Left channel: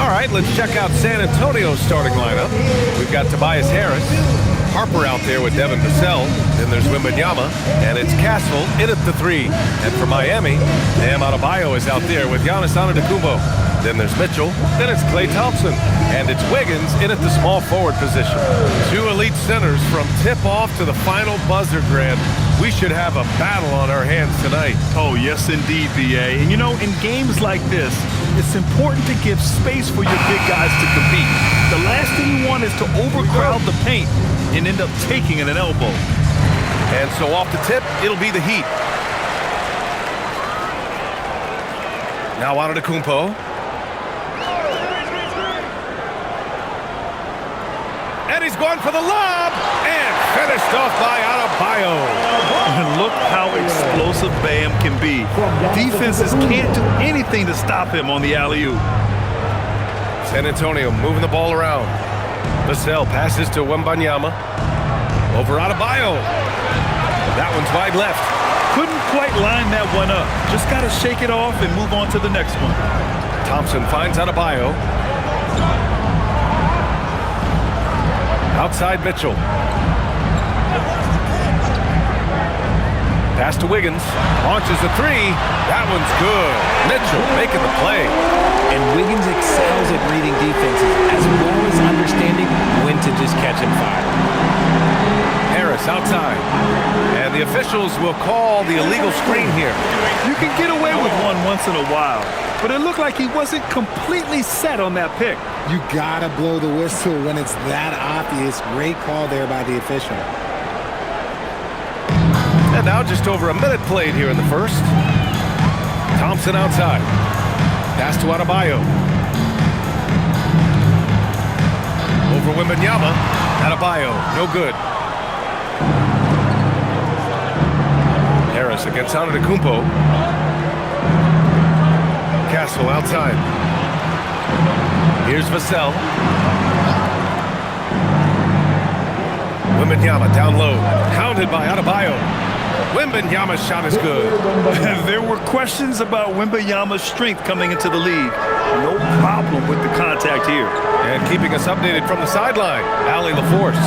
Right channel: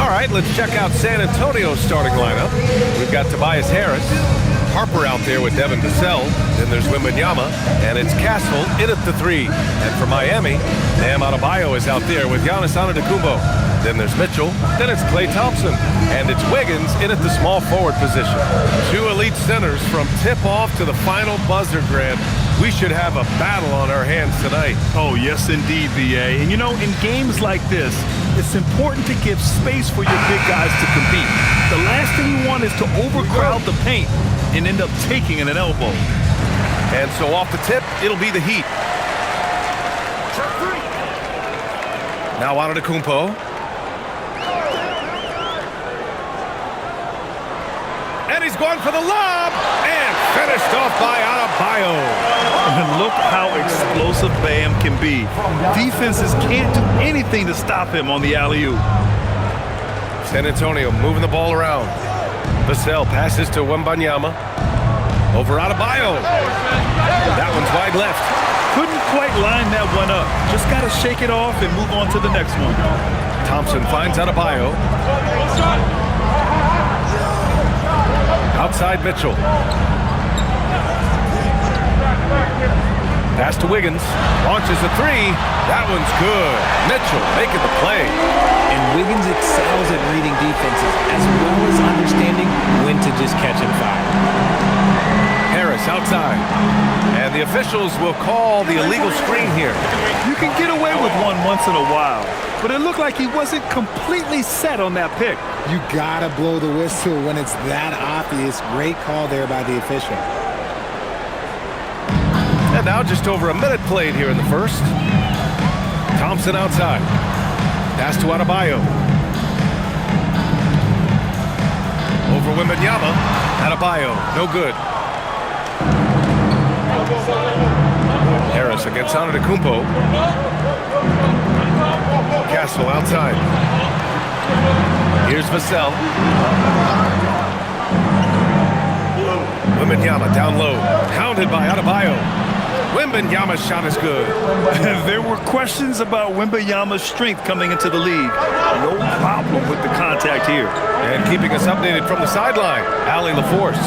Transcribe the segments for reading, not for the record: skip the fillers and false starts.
All right, let's check out San Antonio's starting lineup. We've got Tobias Harris, Harper out there with Devin Vassell. Then there's Wembanyama, and it's Castle in at the 3. And for Miami, Bam Adebayo is out there with Giannis Antetokounmpo. Then there's Mitchell, then it's Klay Thompson, and it's Wiggins in at the small forward position. 2 elite centers from tip-off to the final buzzer, Grant. We should have a battle on our hands tonight. Oh, yes, indeed, B.A. And, you know, in games like this, it's important to give space for your big guys to compete. The last thing you want is to overcrowd the paint and end up taking an elbow. And so off the tip, it'll be the Heat. Now Antetokounmpo. And he's going for the lob, and finished off by Adebayo. And look how explosive Bam can be. Defenses can't do anything to stop him on the alley-oop. San Antonio moving the ball around. Vassell passes to Wembanyama. Over Adebayo. That one's wide left. Couldn't quite line that one up. Just got to shake it off and move on to the next one. Thompson finds Adebayo. Outside Mitchell. Pass to Wiggins. Launches a 3. That one's good. Mitchell making the play. And Wiggins excels at reading defenses as well as understanding when to just catch and fire. Harris outside. And the officials will call the illegal screen here. You can get away with one once in a while, but it looked like he wasn't completely set on that pick. You gotta blow the whistle when it's that obvious. Great call there by the official. And now just over a minute played here in the first. Thompson outside. Pass to Adebayo. Over Wembanyama. Adebayo, no good. Harris against Antetokounmpo. Castle outside. Here's Vassell. Wembanyama down low. Hounded by Adebayo. Wembanyama's shot is good. There were questions about Wembanyama's strength coming into the league. No problem with the contact here. And keeping us updated from the sideline, Allie LaForce.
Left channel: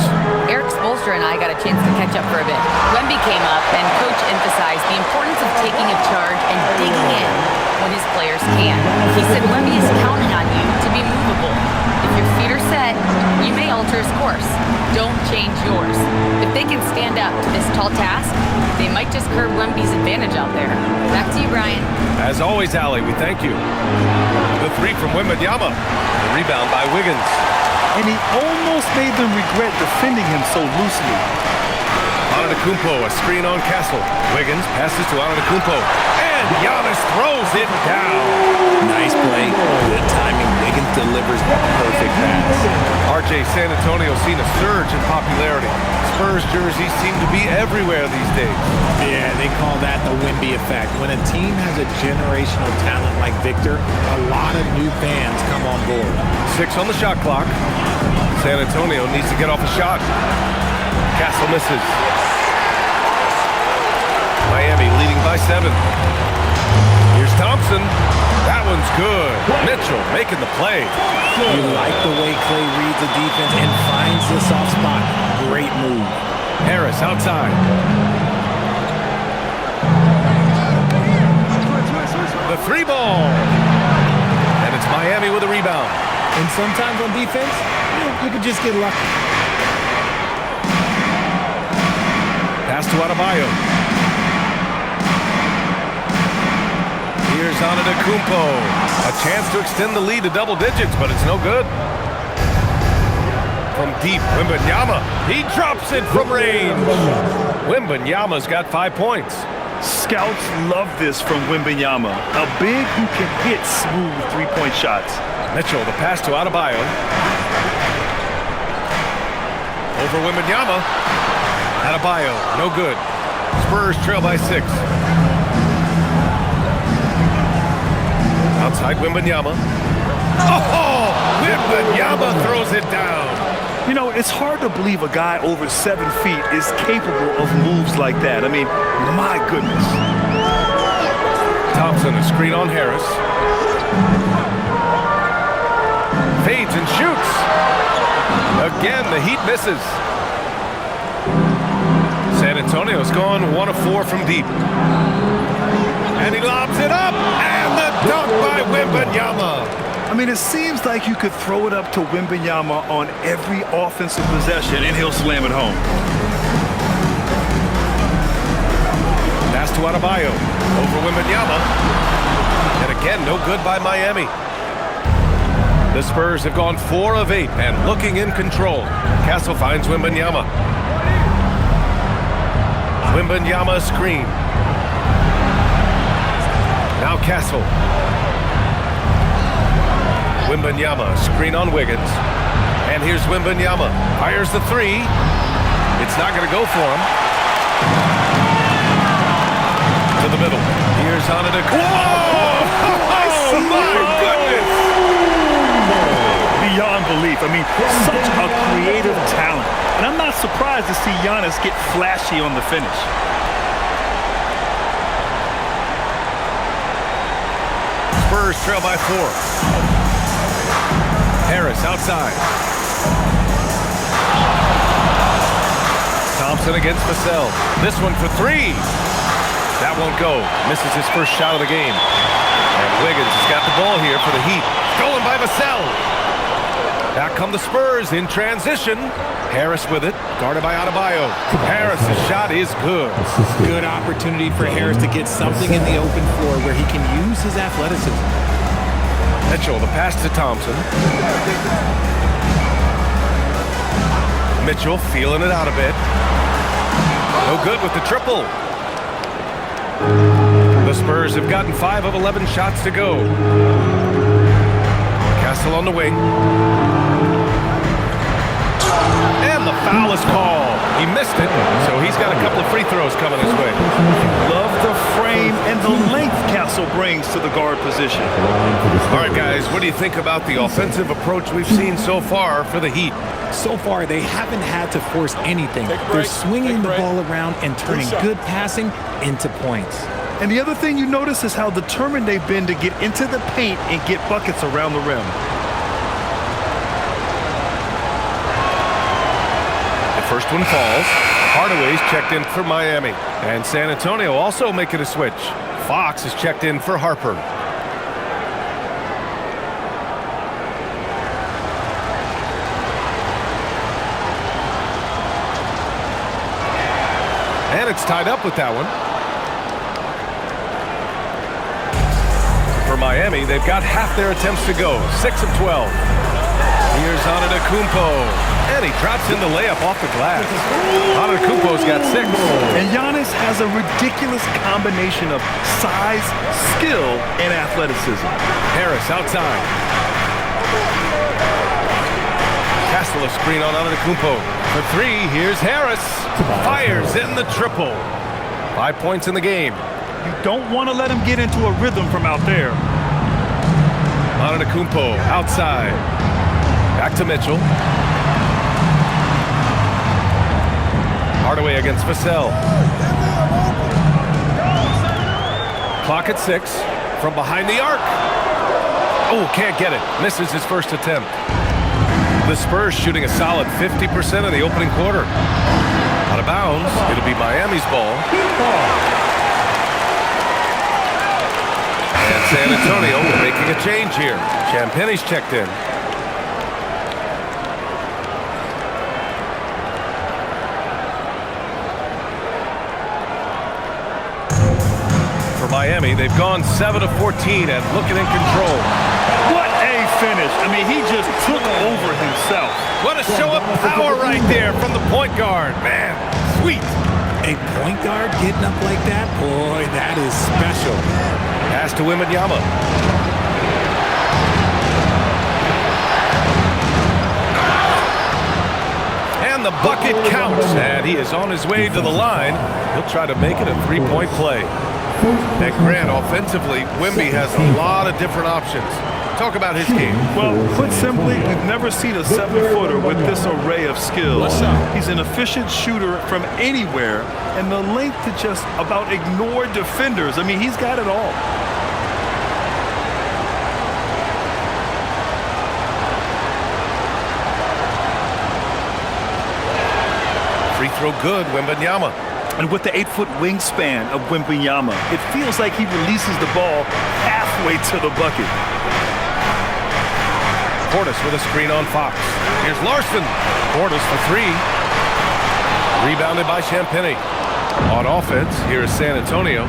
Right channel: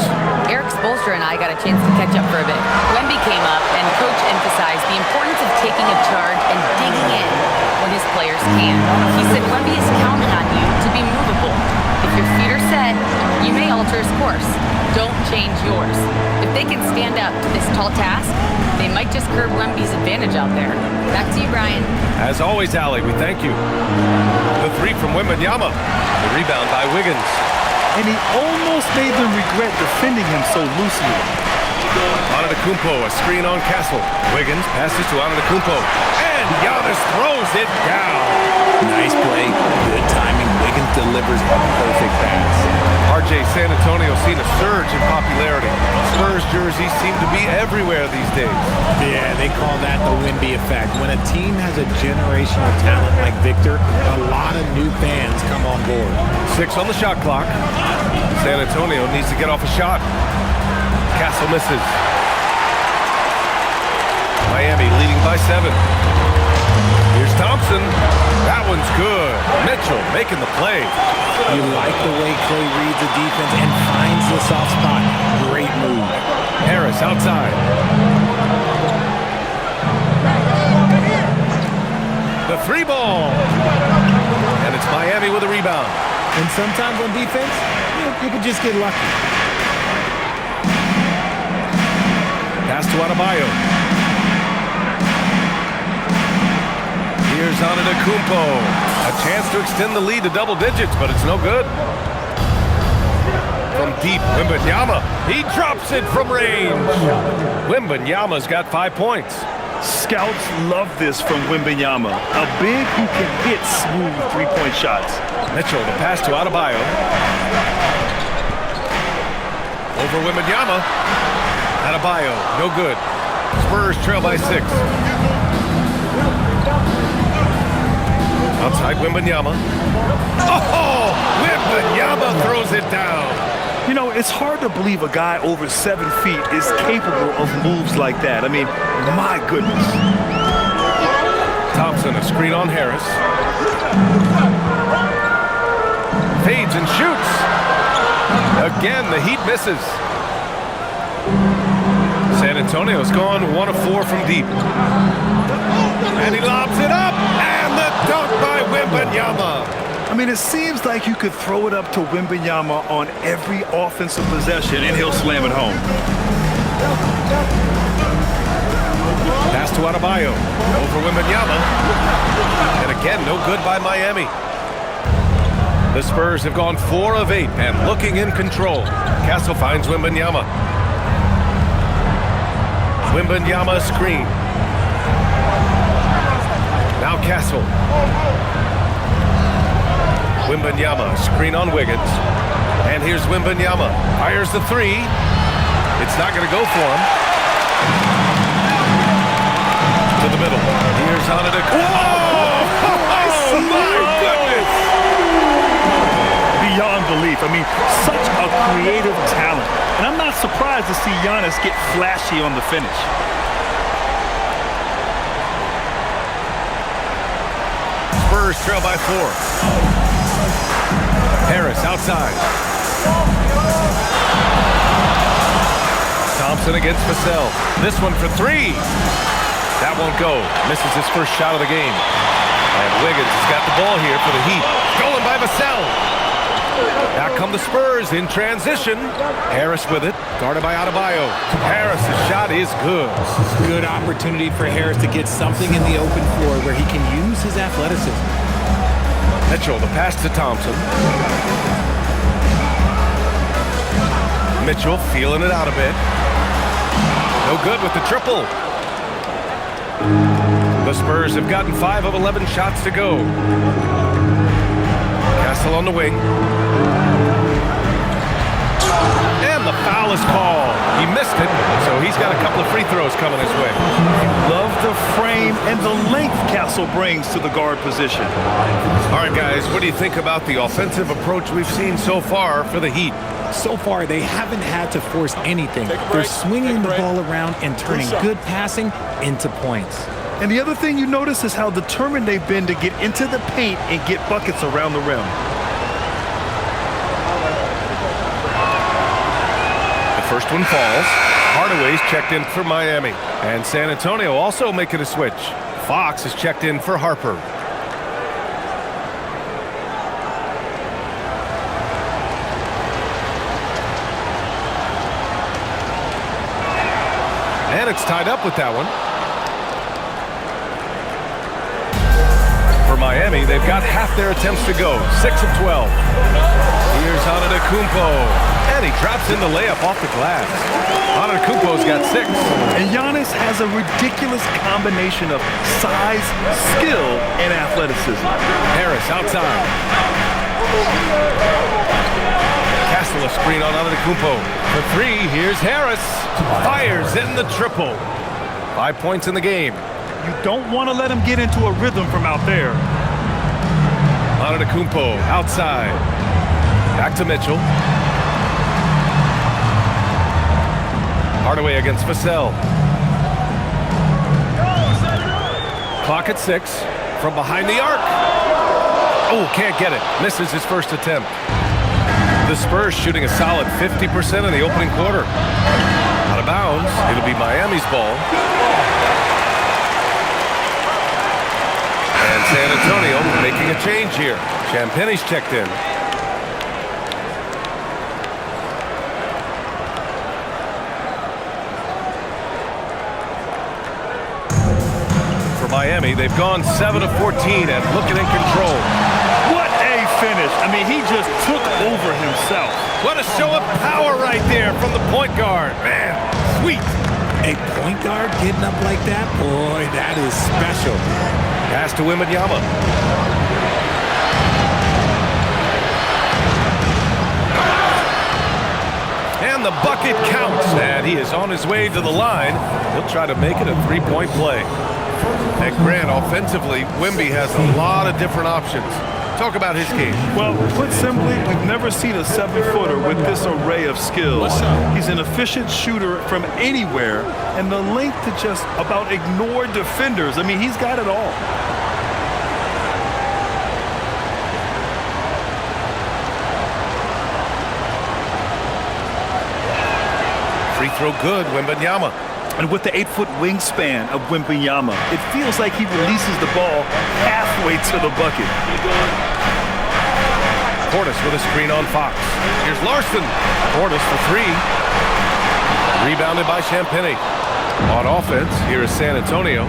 Eric Spoelstra and I got a chance to catch up for a bit. Wemby came up, and Coach emphasized the importance of taking a charge and digging in when his players can. He said Wemby is counting on you to be movable. If your feet are set, you may alter his course. Don't change yours. If they can stand up to this tall task, they might just curb Wemby's advantage out there. Back to you, Brian. As always, Allie, we thank you. The 3 from Wembanyama. The rebound by Wiggins. And he almost made them regret defending him so loosely. Antetokounmpo, a screen on Castle. Wiggins passes to Antetokounmpo. And Giannis throws it down. Nice play, good timing. Wiggins delivers a perfect pass. RJ, San Antonio seen a surge in popularity. Spurs jerseys seem to be everywhere these days. Yeah, they call that the Wemby effect. When a team has a generational talent like Victor, a lot of new fans come on board. 6 on the shot clock. San Antonio needs to get off a shot. Castle misses. Miami leading by 7. Here's Thompson. That one's good. Mitchell making the play. You like the way Klay reads the defense and finds the soft spot. Great move. Harris outside. The 3 ball. And it's Miami with a rebound. And sometimes on defense, you could just get lucky. Pass to Adebayo. Here's Antetokounmpo. A chance to extend the lead to double digits, but it's no good. From deep, Wembanyama. He drops it from range. Wembanyama's got 5 points. Scouts love this from Wembanyama. A big who can hit smooth three-point shots. Mitchell, the pass to Adebayo. Over Wembanyama. Adebayo, no good. Spurs trail by 6. Outside Wembanyama. Oh! Wembanyama throws it down. You know, it's hard to believe a guy over 7 feet is capable of moves like that. I mean, my goodness. Thompson, a screen on Harris. fades and shoots. Again, the Heat misses. San Antonio's gone 1 of 4 from deep. And he lobs it up, and the dunk by Wembanyama. I mean, it seems like you could throw it up to Wembanyama on every offensive possession, and he'll slam it home. Pass to Adebayo, over Wembanyama. And again, no good by Miami. The Spurs have gone 4 of 8 and looking in control. Castle finds Wembanyama. Wembanyama screen. Now Castle. Wembanyama, screen on Wiggins. And here's Wembanyama. Fires the 3. It's not going to go for him. To the middle. Here's Antetokounmpo. Whoa! Oh, my goodness! Beyond belief. I mean, such a creative talent. And I'm not surprised to see Giannis get flashy on the finish. Spurs trail by 4. Harris outside. Thompson against Vassell. This one for 3. That won't go. Misses his first shot of the game. And Wiggins has got the ball here for the Heat. Stolen by Vassell. Back come the Spurs in transition. Harris with it, guarded by Adebayo. Harris's shot is good. Good opportunity for Harris to get something in the open floor where he can use his athleticism. Mitchell, the pass to Thompson. Mitchell feeling it out a bit. No good with the triple. The Spurs have gotten 5 of 11 shots to go. Castle on the wing. And the foul is called. He missed it, so he's got a couple of free throws coming his way. Love the frame and the length Castle brings to the guard position. All right, guys, what do you think about the offensive approach we've seen so far for the Heat? So far, they haven't had to force anything. They're swinging the ball around and turning good passing into points. And the other thing you notice is how determined they've been to get into the paint and get buckets around the rim. The first one falls. Hardaway's checked in for Miami. And San Antonio also making a switch. Fox is checked in for Harper. And it's tied up with that one. For Miami, they've got half their attempts to go. 6 of 12. Here's Antetokounmpo. And he drops in the layup off the glass. Antetokounmpo's got 6. And Giannis has a ridiculous combination of size, skill, and athleticism. Harris outside. Castle a screen on Antetokounmpo. For 3, here's Harris. Fires in the triple. 5 points in the game. You don't want to let him get into a rhythm from out there. Antetokounmpo outside. Back to Mitchell. Hardaway against Vassell. Clock at 6. From behind the arc. Oh, can't get it. Misses his first attempt. The Spurs shooting a solid 50% in the opening quarter. Out of bounds. It'll be Miami's ball. And San Antonio making a change here. Champagne's checked in. For Miami, they've gone 7 of 14 and looking in control. What a finish. I mean, he just took over himself. What a show of power right there from the point guard. Man, sweet. A point guard getting up like that? Boy, that is special. Pass to Wembanyama. And the bucket counts. And he is on his way to the line. He'll try to make it a three-point play. And Grant, offensively, Wemby has a lot of different options. Talk about his game. Well, put simply, we've never seen a 7-footer with this array of skills. He's an efficient shooter from anywhere, and the length to just about ignore defenders. I mean, he's got it all. Free throw good, Wembanyama. And with the 8-foot wingspan of Wembanyama, it feels like he releases the ball halfway to the bucket. Portis with a screen on Fox. Here's Larson. Portis for three. Rebounded by Champagny. On offense, here is San Antonio.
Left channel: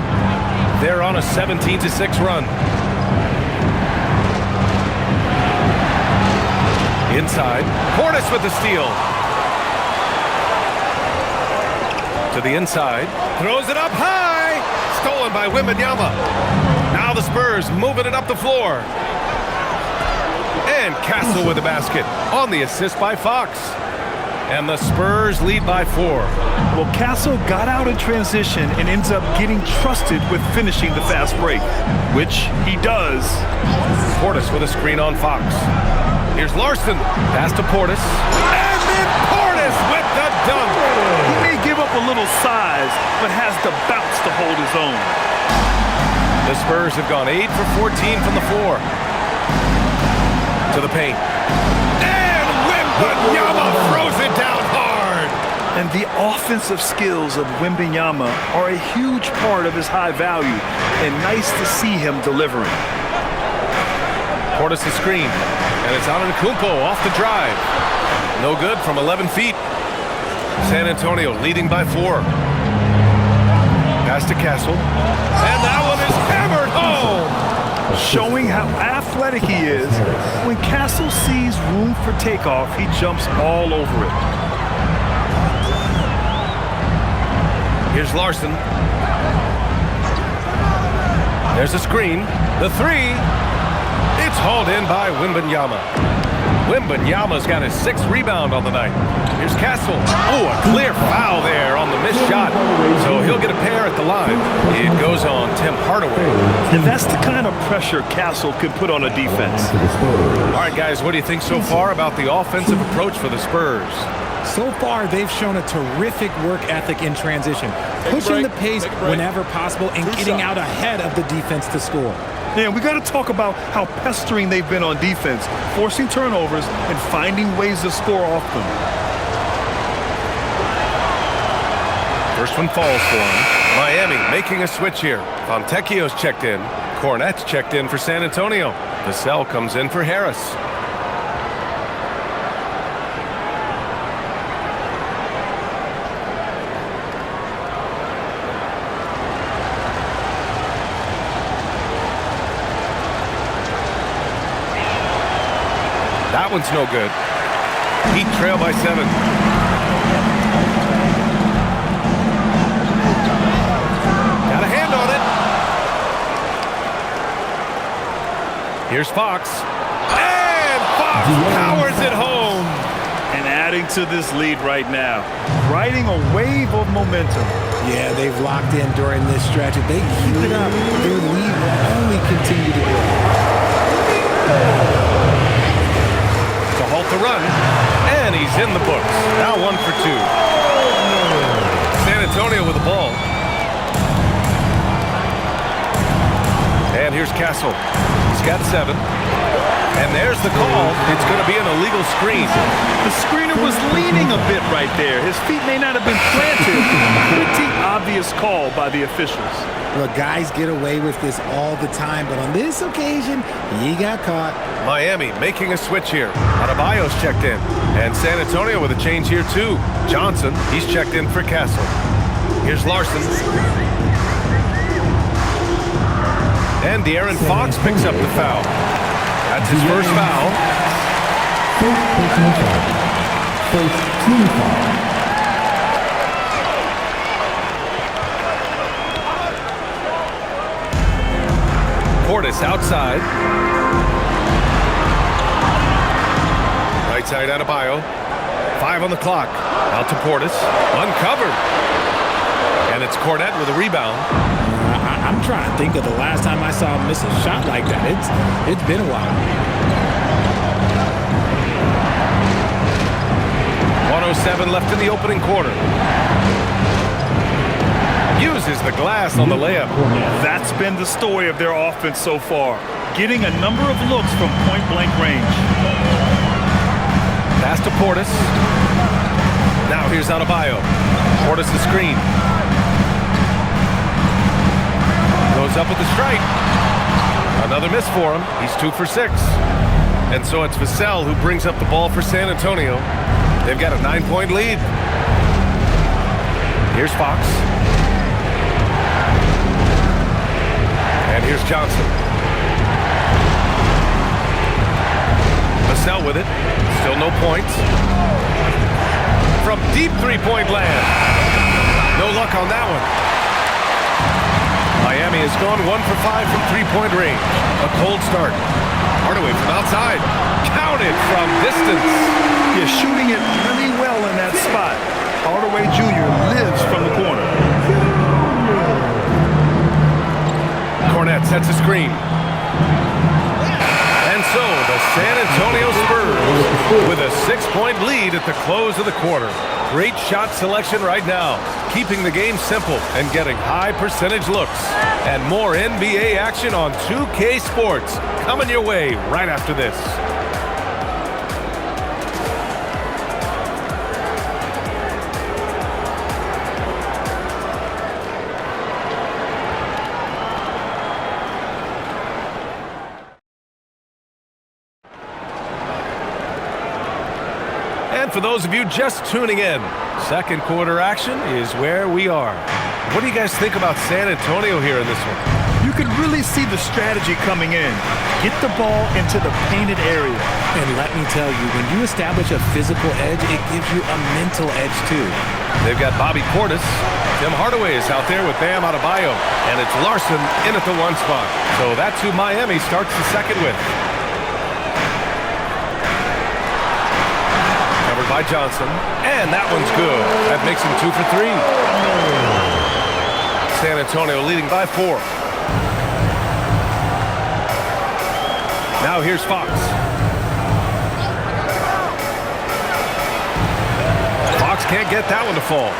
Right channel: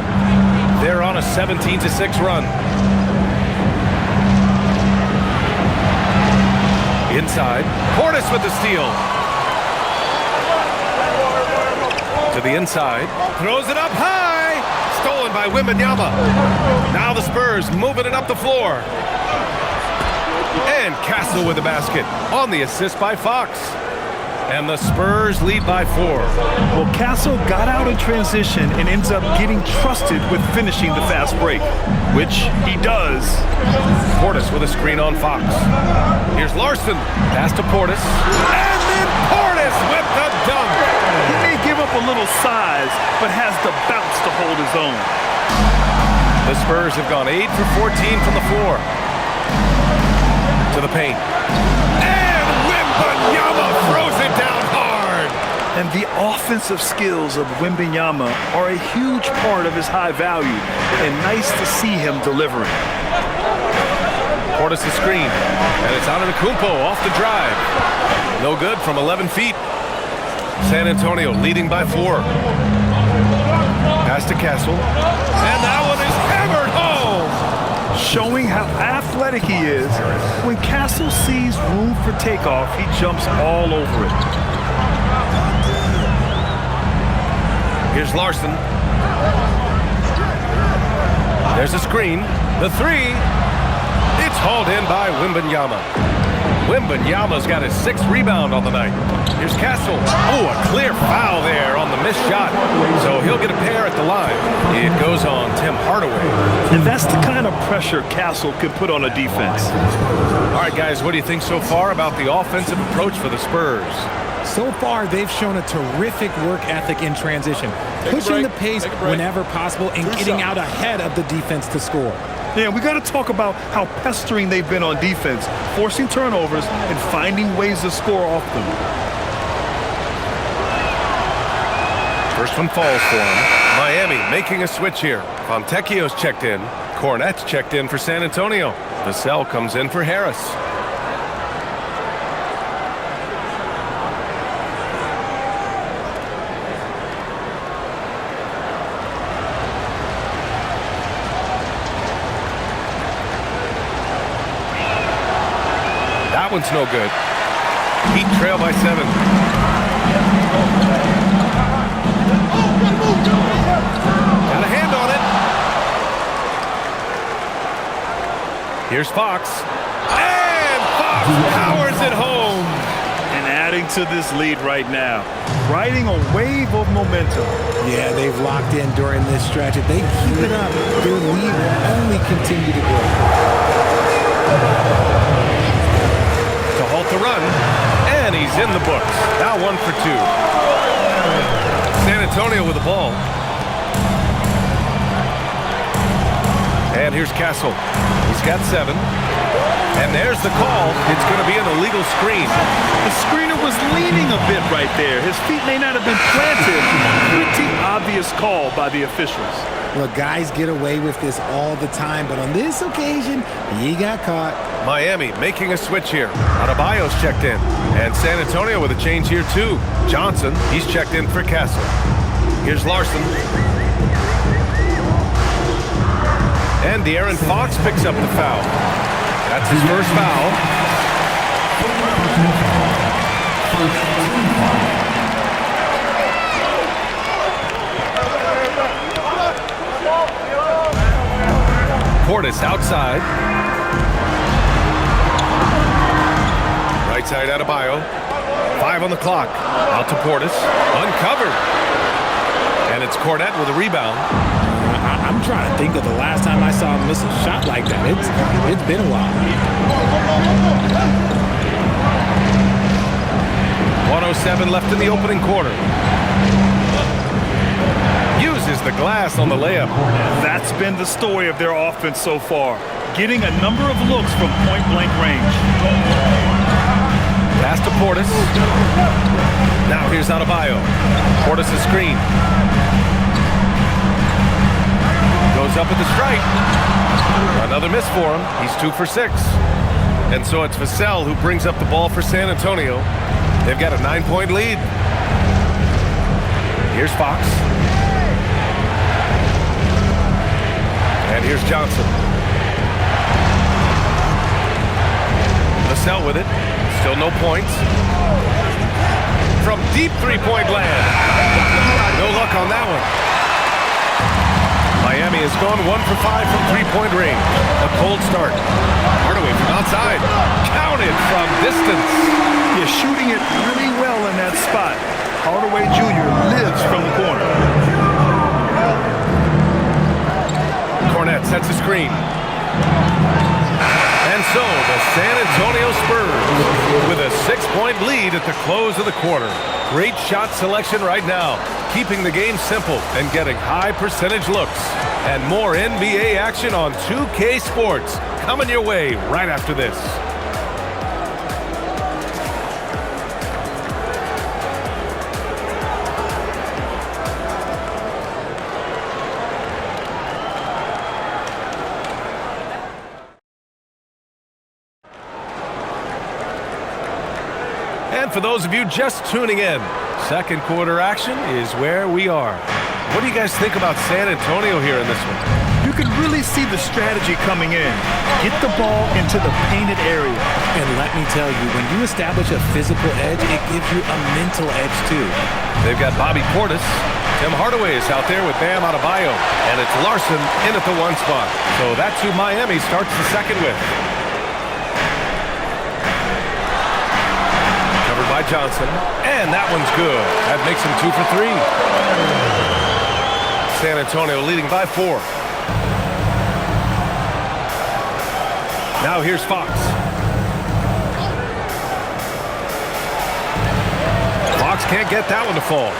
They're on a 17-6 run. Inside, Portis with the steal. To the inside, throws it up high. Stolen by Wembanyama. Now the Spurs moving it up the floor. And Castle with the basket on the assist by Fox. And the Spurs lead by 4. Well, Castle got out in transition and ends up getting trusted with finishing the fast break, which he does. Portis with a screen on Fox. Here's Larson. Pass to Portis. And then Portis with the dunk. He may give up a little size, but has the bounce to hold his own. The Spurs have gone 8 for 14 from the floor. To the paint. And Wembanyama throws it down hard. And the offensive skills of Wembanyama are a huge part of his high value, and nice to see him delivering. Portis the screen, and it's Antetokounmpo off the drive. No good from 11 feet. San Antonio leading by 4. Pass to Castle, and that one is hammered home. Showing how athletic he is, when Castle sees room for takeoff, he jumps all over it. Here's Larson. There's a screen. The three. It's hauled in by Wembanyama. Wembanyama's got his 6th rebound on the night. Here's Castle. Oh, a clear foul there on the missed shot. So he'll get a pair at the line. It goes on Tim Hardaway. And that's the kind of pressure Castle can put on a defense. All right, guys, what do you think so far about the offensive approach for the Spurs? So far, they've shown a terrific work ethic in transition, pushing the pace whenever possible and getting out ahead of the defense to score. Yeah, we got to talk about how pestering they've been on defense, forcing turnovers and finding ways to score off them. First one falls for him. Miami making a switch here. Fontecchio's checked in. Cornette's checked in for San Antonio. Vassell comes in for Harris. That one's no good. Heat trail by 7. Got a hand on it. Here's Fox. And Fox powers it home. And adding to this lead right now, riding a wave of momentum. Yeah, they've locked in during this stretch. If they keep it up, their lead will only continue to grow. To halt the run, and he's in the books. Now 1 for 2. San Antonio with the ball. And here's Castle. He's got 7. And there's the call. It's going to be an illegal screen. The screener was leaning a bit right there. His feet may not have been planted. Pretty obvious call by the officials. Look, guys get away with this all the time, but on this occasion, he got caught. Miami making a switch here. Adebayo's checked in. And San Antonio with a change here too. Johnson, he's checked in for Castle. Here's Larson. And De'Aaron Fox picks up the foul. That's his first foul. First team foul. Portis outside. Right side Adebayo. 5 on the clock. Out to Portis. Uncovered. And it's Cornette with a rebound. I'm trying to think of the last time I saw him miss a shot like that. It's been a while. 1:07 left in the opening quarter. Uses the glass on the layup. That's been the story of their offense so far, getting a number of looks from point-blank range. Pass to Portis. Now here's Adebayo. Portis the screen. Goes up with the strike. Another miss for him. He's 2 for 6. And so it's Vassell who brings up the ball for San Antonio. They've got a 9-point lead. Here's Fox. And here's Johnson. Vassell with it. Still no points. From deep three-point land. No luck on that one. Miami has gone 1 for 5 from three-point range. A cold start. Hardaway from outside. Counted from distance. Yeah, shooting it really well in that spot. Hardaway Jr. lives from the corner. Cornette sets a screen. And so the San Antonio Spurs with a 6-point lead at the close of the quarter. Great shot selection right now, keeping the game simple and getting high percentage looks. And more NBA action on 2K Sports coming your way right after this. And for those of you just tuning in, second quarter action is where we are. What do you guys think about San Antonio here in this one? You can really see the strategy coming in. Get the ball into the painted area. And let me tell you, when you establish a physical edge, it gives you a mental edge too. They've got Bobby Portis. Tim Hardaway is out there with Bam Adebayo. And it's Larson in at the 1 spot. So that's who Miami starts the second with. Covered by Johnson. And that one's good. That makes him 2 for 3. San Antonio leading by 4. Now here's Fox. Fox can't get that one to fall.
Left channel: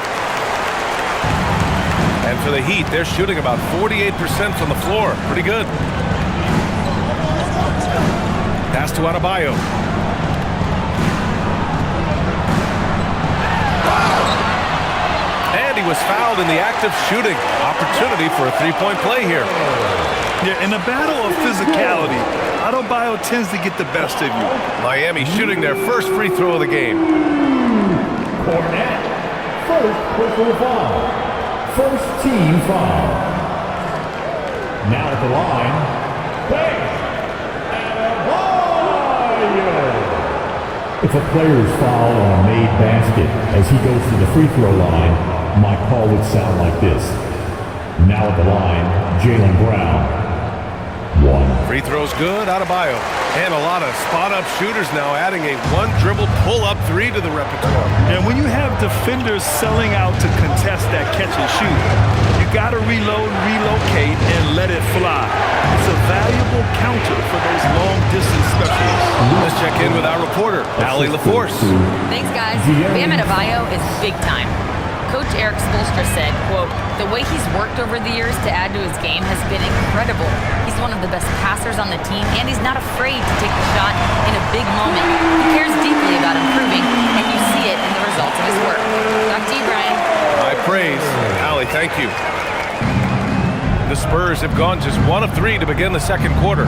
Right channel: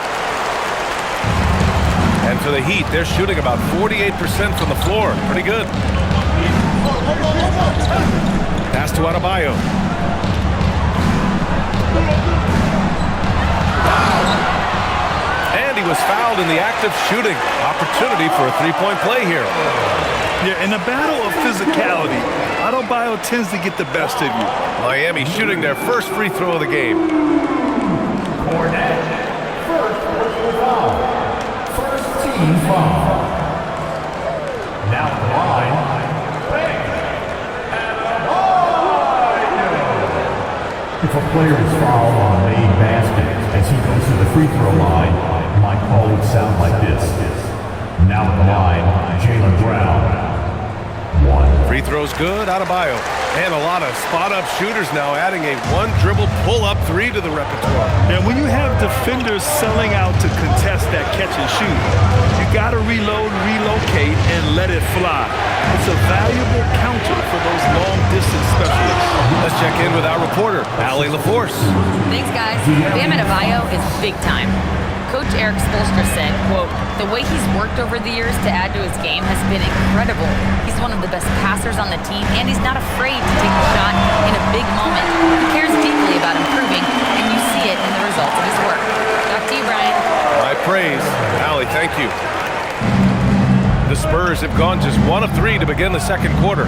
And for the Heat, they're shooting about 48% from the floor. Pretty good. Pass to Adebayo. And he was fouled in the act of shooting. Opportunity for a three-point play here. Yeah, in a battle of physicality, Adebayo tends to get the best of you. Miami shooting their first free throw of the game. Cornette, first personal foul. First team foul. Now at the line, Bam Adebayo. If a player is fouled on a made basket as he goes to the free throw line, my call would sound like this. Now at the line, Jaylen Brown. 1. Free throw's good, Adebayo. And a lot of spot-up shooters now adding a one-dribble pull-up three to the repertoire. And when you have defenders selling out to contest that catch and shoot, you got to reload, relocate, and let it fly. It's a valuable counter for those long-distance specialists. Let's check in with our reporter, Allie LaForce. Thanks, guys. Bam Adebayo is big time. Coach Eric Spoelstra said, quote, "The way he's worked over the years to add to his game has been incredible. He's one of the best passers on the team, and he's not afraid to take the shot in a big moment. He cares deeply about improving, and you see it in the results of his work." Back to you, Brian. High praise. Allie, thank you. The Spurs have gone just 1 of 3 to begin the second quarter.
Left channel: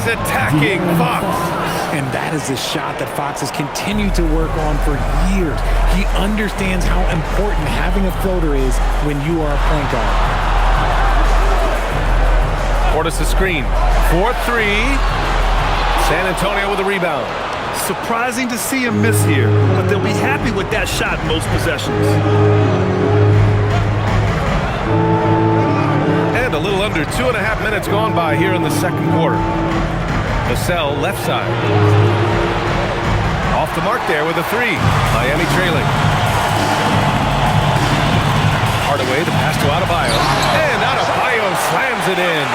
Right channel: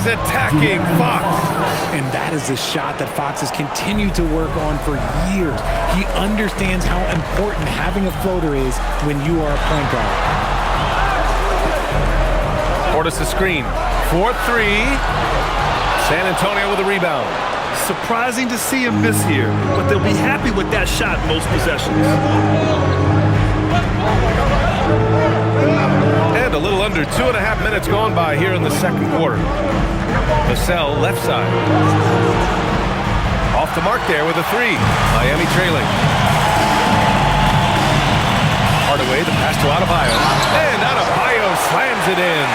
Attacking Fox. And that is a shot that Fox has continued to work on for years. He understands how important having a floater is when you are a point guard. Portis a screen. 4-3. San Antonio with a rebound. Surprising to see him miss here, but they'll be happy with that shot most possessions. And a little under 2.5 minutes gone by here in the second quarter. Vassell left side. Off the mark there with a 3. Miami trailing. Hardaway, the pass to Adebayo. And Adebayo slams it in.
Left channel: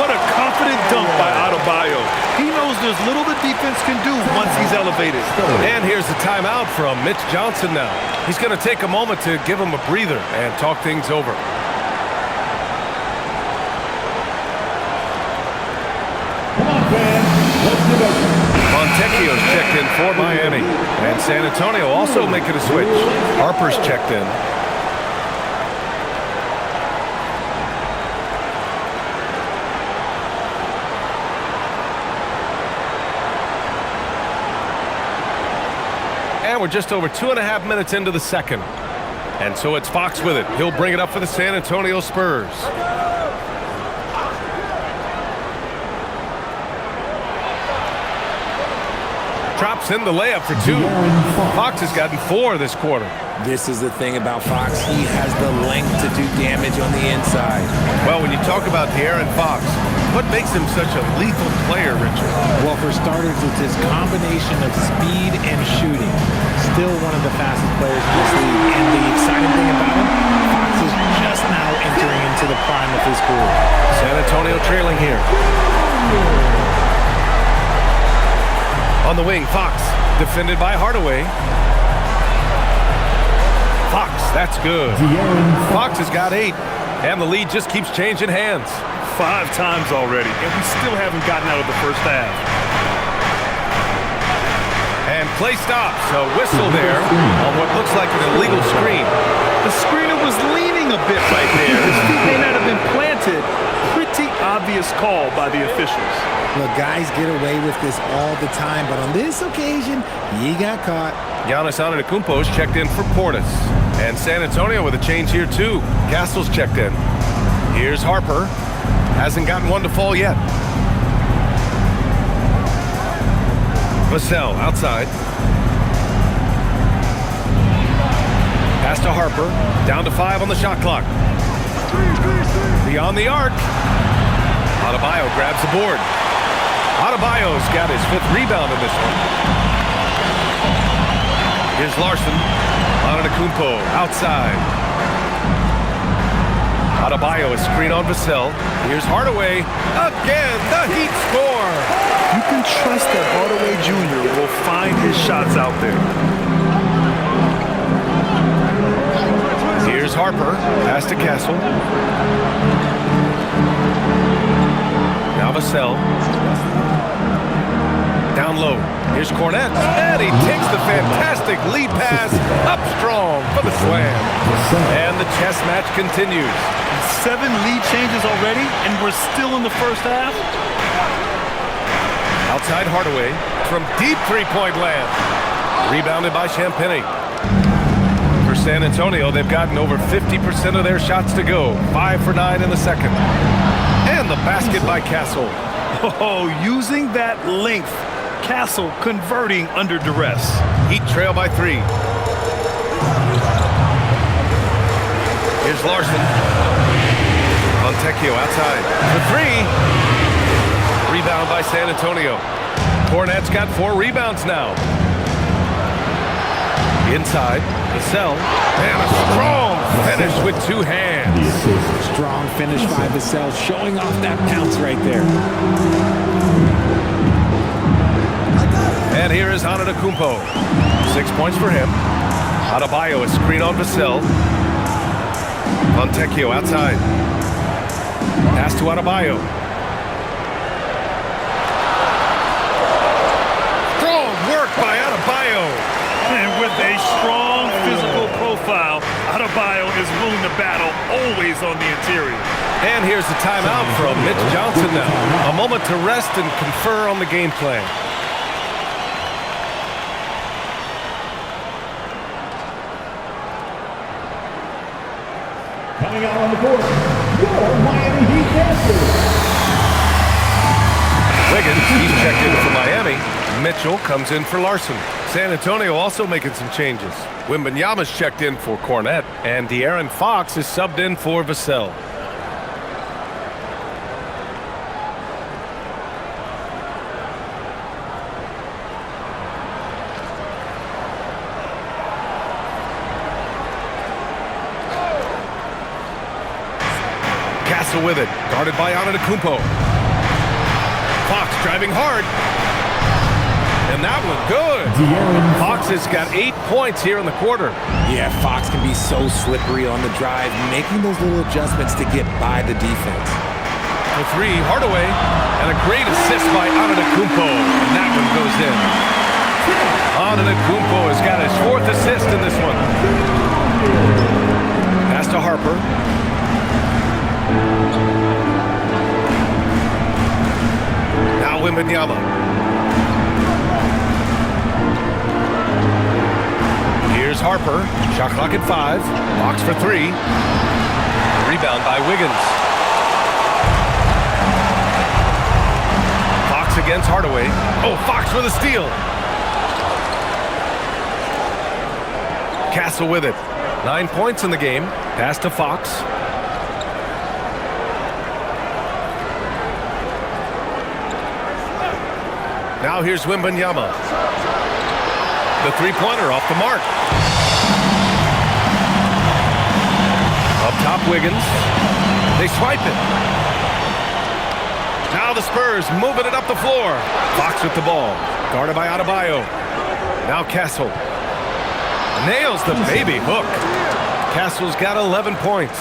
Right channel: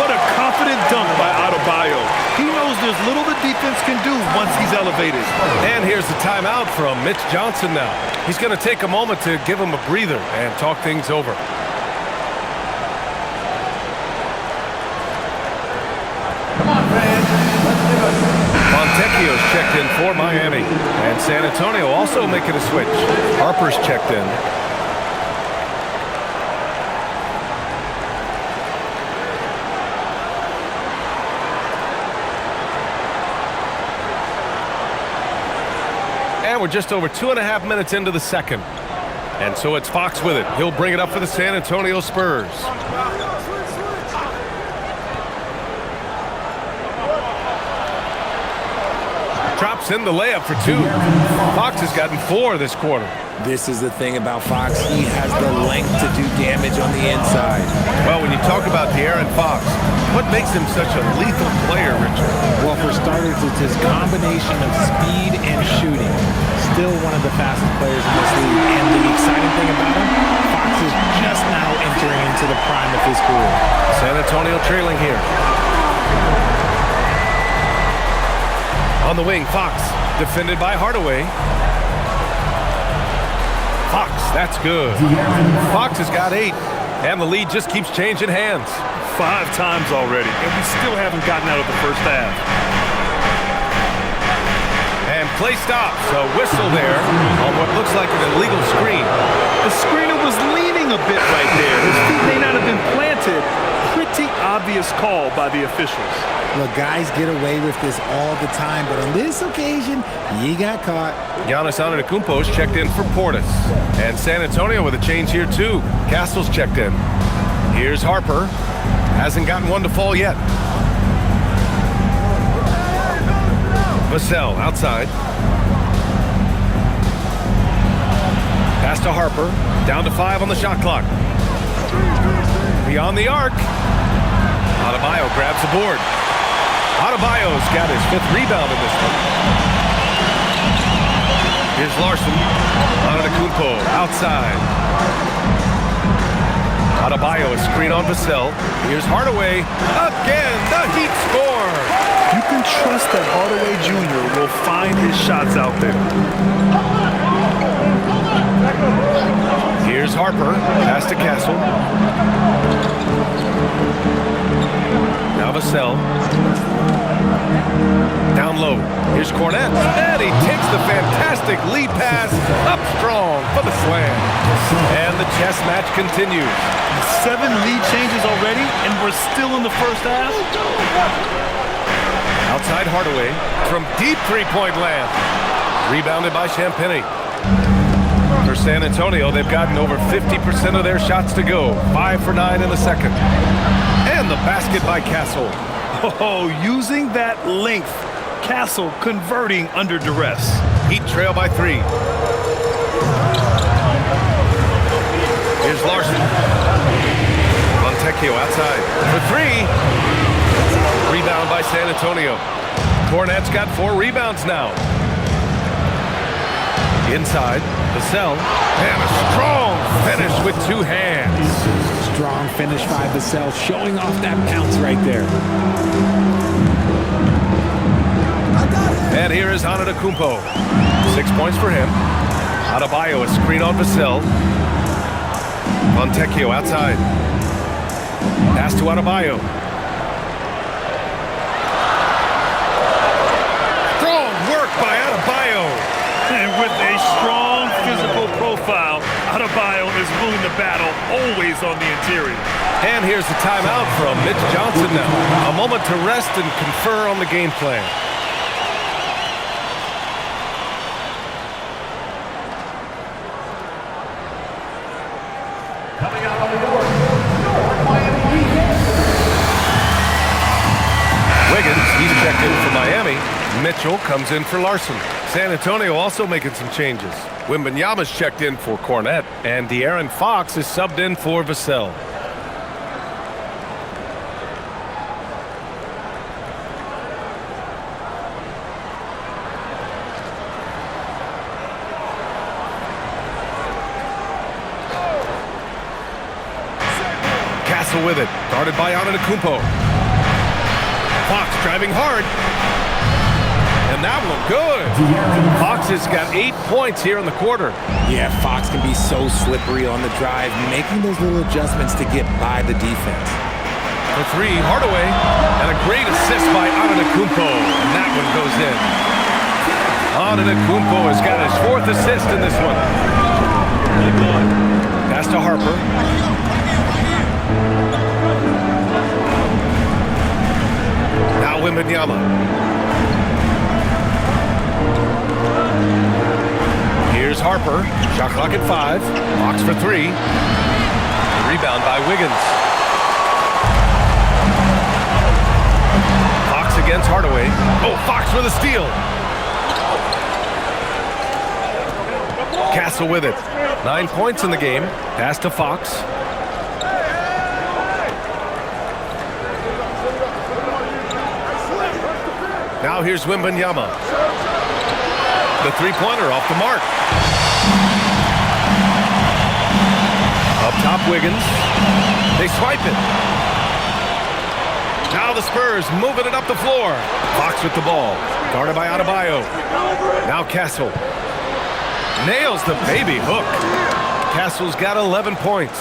What a confident dunk by Adebayo. He knows there's little the defense can do once he's elevated. And here's the timeout from Mitch Johnson now. He's going to take a moment to give him a breather and talk things over. Fontecchio's checked in for Miami. And San Antonio also making a switch. Harper's checked in. And we're just over 2.5 minutes into the second. And so it's Fox with it. He'll bring it up for the San Antonio Spurs. Drops in the layup for two. Fox has gotten 4 this quarter. This is the thing about Fox. He has the length to do damage on the inside. Well, when you talk about De'Aaron Fox, what makes him such a lethal player, Richard? Well, for starters, it's his combination of speed and shooting. Still one of the fastest players in this league. And the exciting thing about him, Fox is just now entering into the prime of his career. San Antonio trailing here. On the wing, Fox, defended by Hardaway. Fox, that's good. Fox has got 8, and the lead just keeps changing hands. 5 times already, and we still haven't gotten out of the first half. And play stops. A whistle there on what looks like an illegal screen. The screener was leaning a bit right there. His feet may not have been planted. Pretty obvious call by the officials. Look, guys get away with this all the time, but on this occasion, he got caught. Giannis Antetokounmpo's checked in for Portis. And San Antonio with a change here, too. Castle's checked in. Here's Harper. Hasn't gotten one to fall yet. Vassell outside. Pass to Harper. Down to 5 on the shot clock. Beyond the arc. Adebayo grabs the board. Adebayo's got his 5th rebound in this one. Here's Larson. Antetokounmpo outside. Adebayo, a screen on Vassell. Here's Hardaway. Again, the Heat score. You can trust that Hardaway Jr. will find his shots out there. Here's Harper. Pass to Castle. Now Vassell. Down low. Here's Cornette. And he takes the fantastic lead pass up strong for the slam. And the chess match continues. 7 lead changes already, and we're still in the first half. Outside Hardaway from deep three-point land. Rebounded by Champagnie. For San Antonio, they've gotten over 50% of their shots to go. 5 for 9 in the second. And the basket by Castle. Oh, using that length. Castle converting under duress. Heat trail by 3. Here's Larson. Fontecchio outside for 3. Rebound by San Antonio. Cornette's got 4 rebounds now. Inside, Vassell. And a strong finish with 2 hands. Strong finish by Vassell, showing off that bounce right there. And here is Antetokounmpo. 6 points for him. Adebayo, a screen on Vassell. Fontecchio outside. Pass to Adebayo. Strong work by Adebayo. And with a strong physical profile, Adebayo is willing to battle, always on the interior. And here's the timeout from Mitch Johnson now. A moment to rest and confer on the game plan. Coming out on the court, your Miami Heat dancers. Wiggins, he's checked in for Miami. Mitchell comes in for Larson. San Antonio also making some changes. Wembanyama's checked in for Cornette, and De'Aaron Fox is subbed in for Vassell. Castle with it, guarded by Antetokounmpo. Fox driving hard. And that one good. Fox has got 8 points here in the quarter. Yeah, Fox can be so slippery on the drive, making those little adjustments to get by the defense. For three, Hardaway. And a great assist by Antetokounmpo. And that one goes in. Antetokounmpo has got his 4th assist in this one. Pass to Harper. Now Wembanyama. Here's Harper. Shot clock at 5. Fox for 3. The rebound by Wiggins. Fox against Hardaway. Oh, Fox with a steal. Castle with it. 9 points in the game. Pass to Fox. Now here's Wembanyama. The three-pointer off the mark. Up top, Wiggins. They swipe it. Now the Spurs moving it up the floor. Fox with the ball. Guarded by Adebayo. Now Castle. Nails the baby hook. Castle's got 11 points.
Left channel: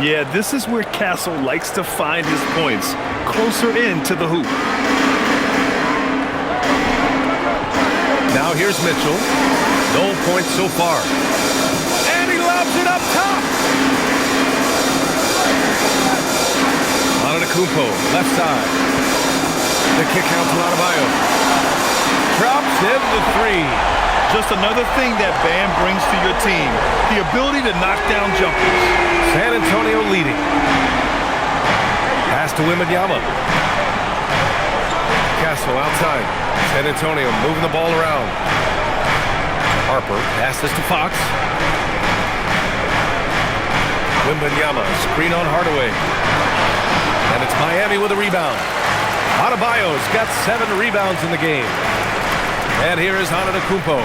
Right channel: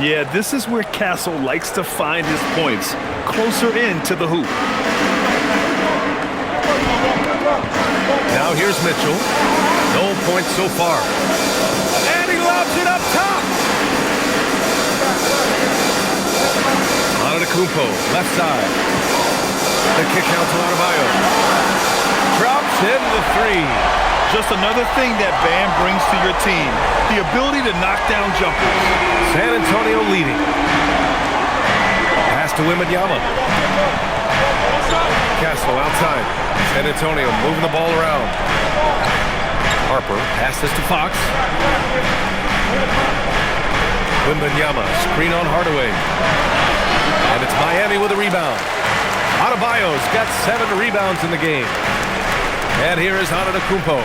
Yeah, this is where Castle likes to find his points. Closer in to the hoop. Now here's Mitchell. No points so far. And he lobs it up top. Antetokounmpo, left side. The kick out to Adebayo. Drops in the 3. Just another thing that Bam brings to your team. The ability to knock down jumpers. San Antonio leading. Pass to Wembanyama. Castle outside. San Antonio moving the ball around. Harper passes to Fox. Wembanyama, screen on Hardaway. And it's Miami with a rebound. Adebayo's got 7 rebounds in the game. And here is Antetokounmpo.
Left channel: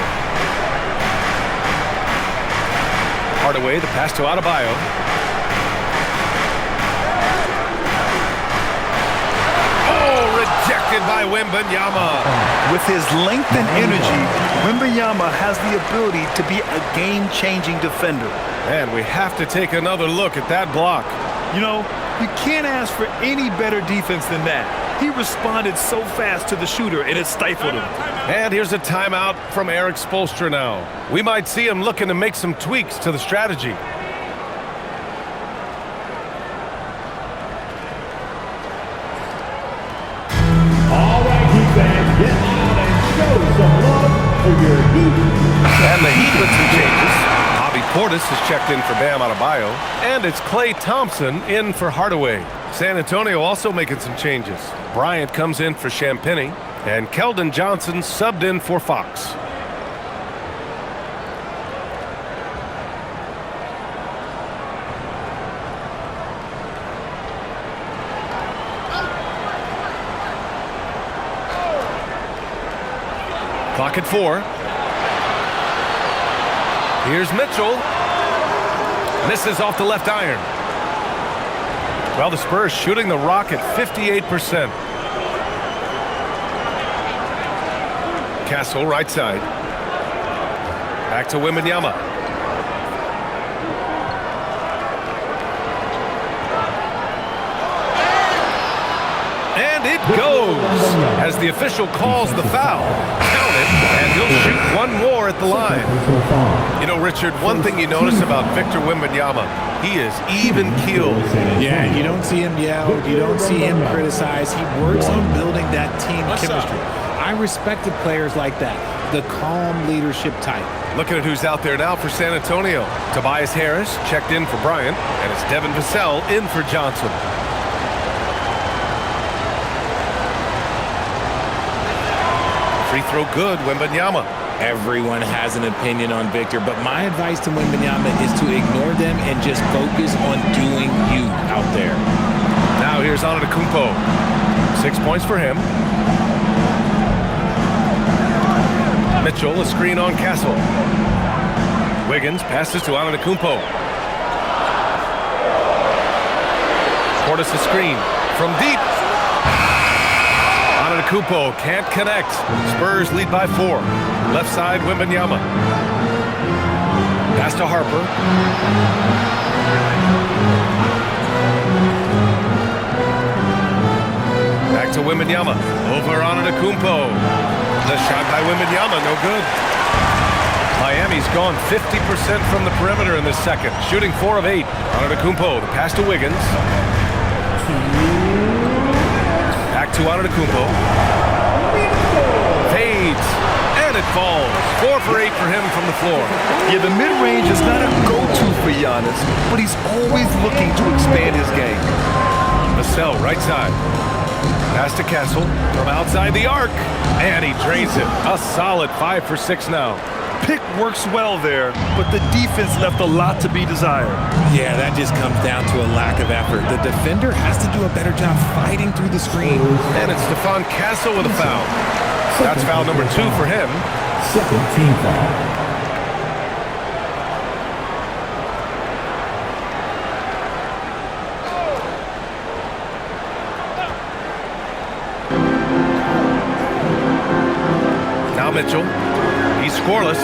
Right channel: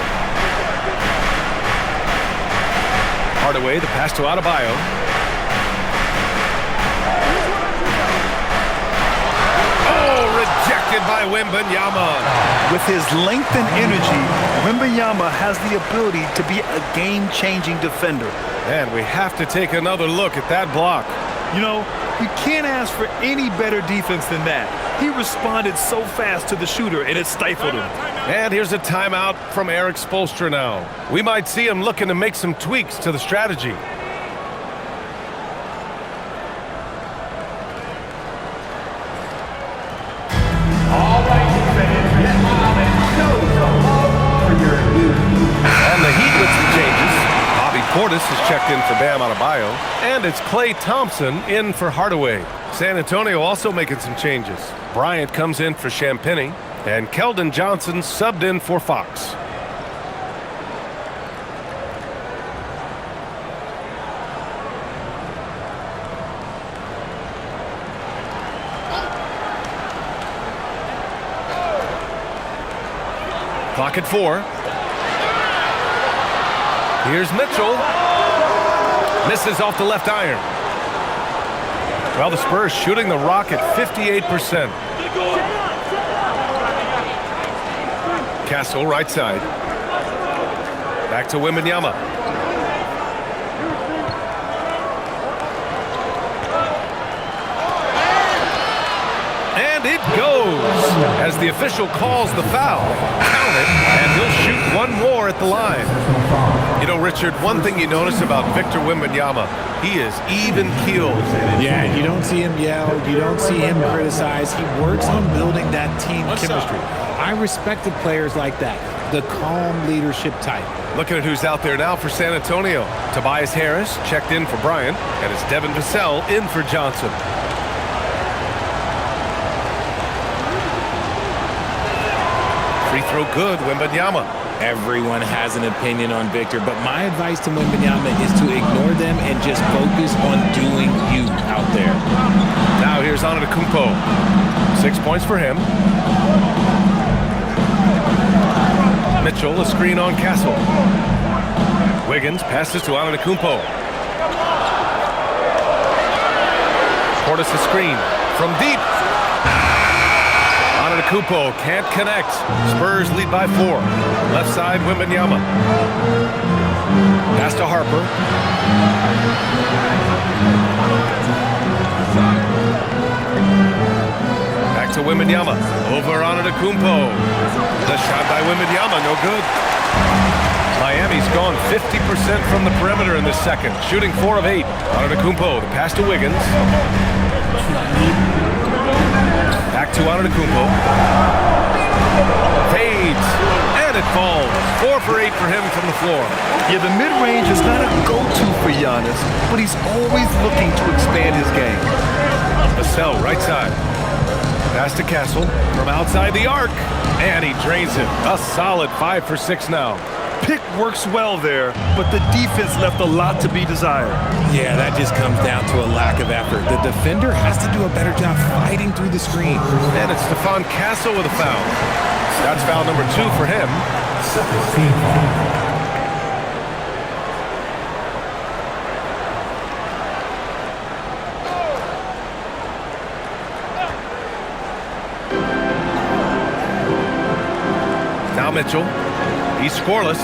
Hardaway, the pass to Adebayo. Oh, rejected by Wembanyama. With his length and energy, Wembanyama has the ability to be a game-changing defender. And we have to take another look at that block. You know, you can't ask for any better defense than that. He responded so fast to the shooter, and it stifled him. And here's a timeout from Eric Spoelstra now. We might see him looking to make some tweaks to the strategy. All right, Heat fans, get on and show some love for your Heat. And the Heat with some changes. Bobby Portis has checked in for Bam Adebayo. And it's Klay Thompson in for Hardaway. San Antonio also making some changes. Bryant comes in for Champagnie. And Keldon Johnson subbed in for Fox. Clock at 4. Here's Mitchell. Misses off the left iron. Well, the Spurs shooting the rock at 58%. Castle, right side. Back to Wembanyama. And it goes as the official calls the foul. Count it, and he'll shoot one more at the line. You know, Richard, one thing you notice about Victor Wembanyama, he is even-keeled. Yeah, you don't see him yell. You don't see him criticize. He works on building that team chemistry. I respected players like that, the calm leadership type. Looking at who's out there now for San Antonio. Tobias Harris checked in for Bryant, and it's Devin Vassell in for Johnson. Free throw good, Wembanyama. Everyone has an opinion on Victor, but my advice to Wembanyama is to ignore them and just focus on doing you out there. Now here's Antetokounmpo. 6 points for him. Mitchell, a screen on Castle. Wiggins passes to Antetokounmpo. Portis a screen from deep. Antetokounmpo can't connect. Spurs lead by 4. Left side, Wembanyama. Pass to Harper. Back to Wembanyama. Over on Antetokounmpo. The shot by Wembanyama, no good. Miami's gone 50% from the perimeter in this second, shooting 4 of 8. Antetokounmpo, the pass to Wiggins. Back to Antetokounmpo. Fades, and it falls. 4 for 8 for him from the floor. Yeah, the mid-range is not a go-to for Giannis, but he's always looking to expand his game. Vassell, right side. Pass to Castle from outside the arc, and he drains it. A solid 5 for 6 now. Pick works well there, but the defense left a lot to be desired. Yeah, that just comes down to a lack of effort. The defender has to do a better job fighting through the screen. And it's Stephon Castle with a foul. That's foul number 2 for him. Second team foul. Now Mitchell. He's scoreless.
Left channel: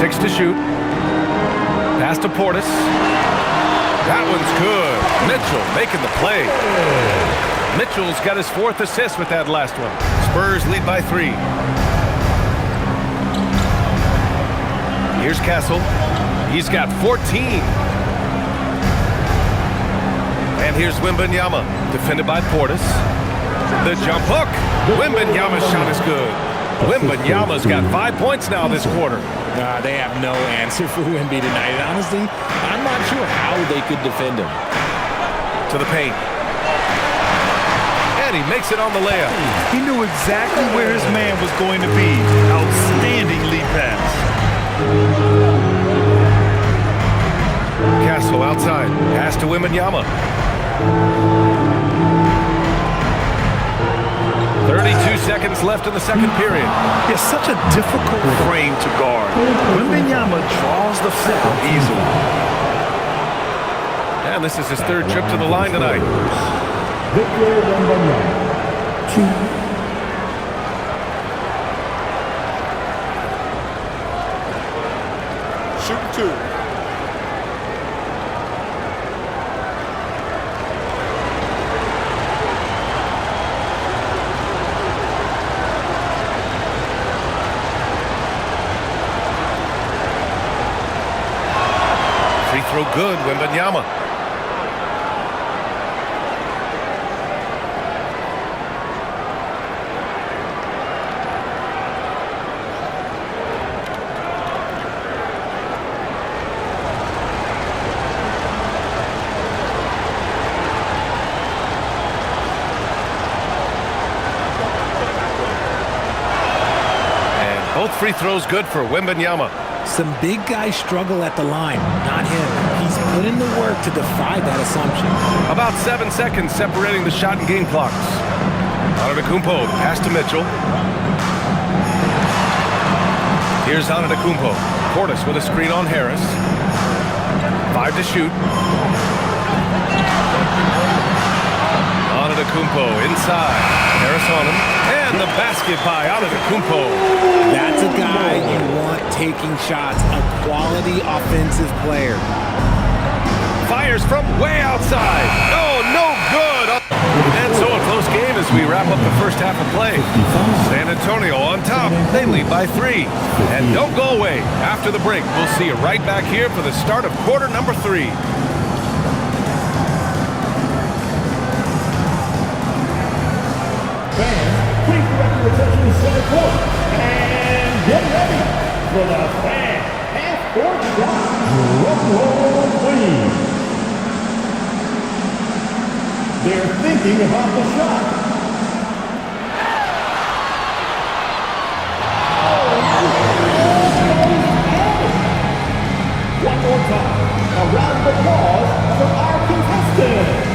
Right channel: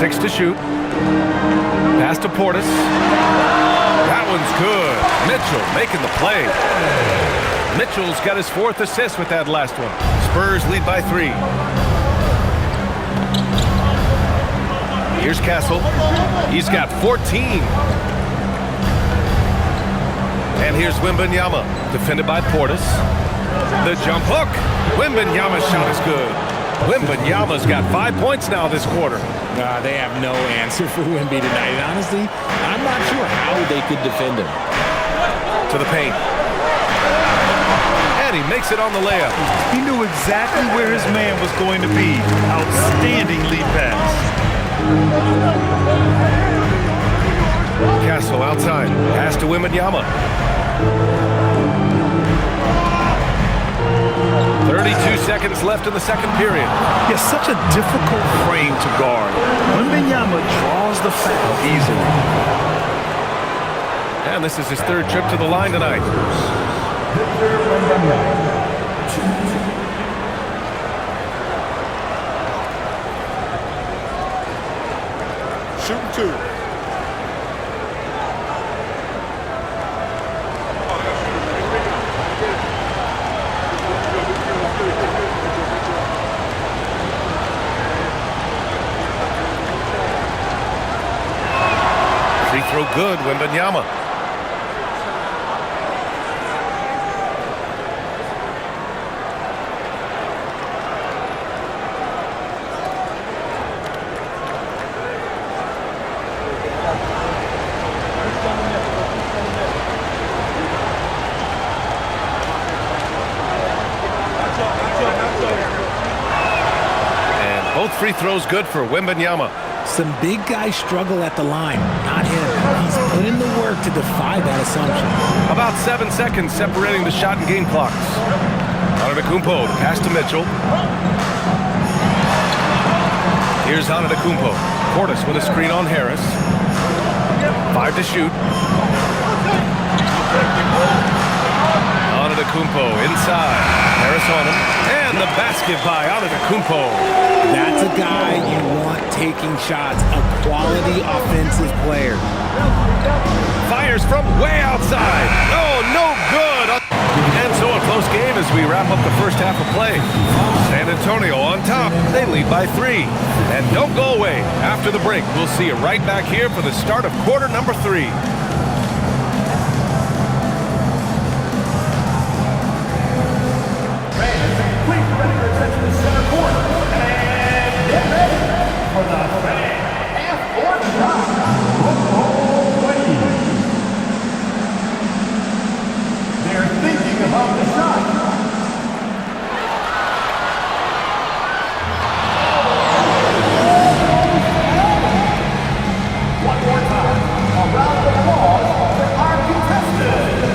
6 to shoot. Pass to Portis. That one's good. Mitchell making the play. Mitchell's got his 4th assist with that last one. Spurs lead by 3. Here's Castle. He's got 14. And here's Wembanyama, defended by Portis. The jump hook. Wembanyama's shot is good. Wembanyama's got 5 points now this quarter. They have no answer for Wemby tonight. And honestly, I'm not sure how they could defend him. To the paint. And he makes it on the layup. He knew exactly where his man was going to be. Outstanding lead pass. Castle outside. Pass to Wembanyama. 32 seconds left in the second period. Yeah, such a difficult frame to guard. Wembanyama draws the foul easily. And this is his 3rd trip to the line tonight. Victor Wembanyama. 2. Shooting 2. Free throw good, Wembanyama. And both free throws good for Wembanyama. Some big guys struggle at the line, not him. He's put in the work to defy that assumption. About 7 seconds separating the shot and game clocks. Antetokounmpo, the pass to Mitchell. Here's Antetokounmpo. Portis with a screen on Harris. 5 to shoot. Antetokounmpo inside. Harris on him. And the basket by Antetokounmpo. That's a guy you want taking shots, a quality offensive player. Fires from way outside. Oh, no good. And so a close game as we wrap up the first half of play. San Antonio on top. They lead by 3. And don't go away. After the break, we'll see you right back here for the start of quarter number 3. Fans, please direct your attention to center court. And get ready for the fan half-court drop. Drum roll, please. They're thinking about the shot. One more time. A round of applause for our contestants.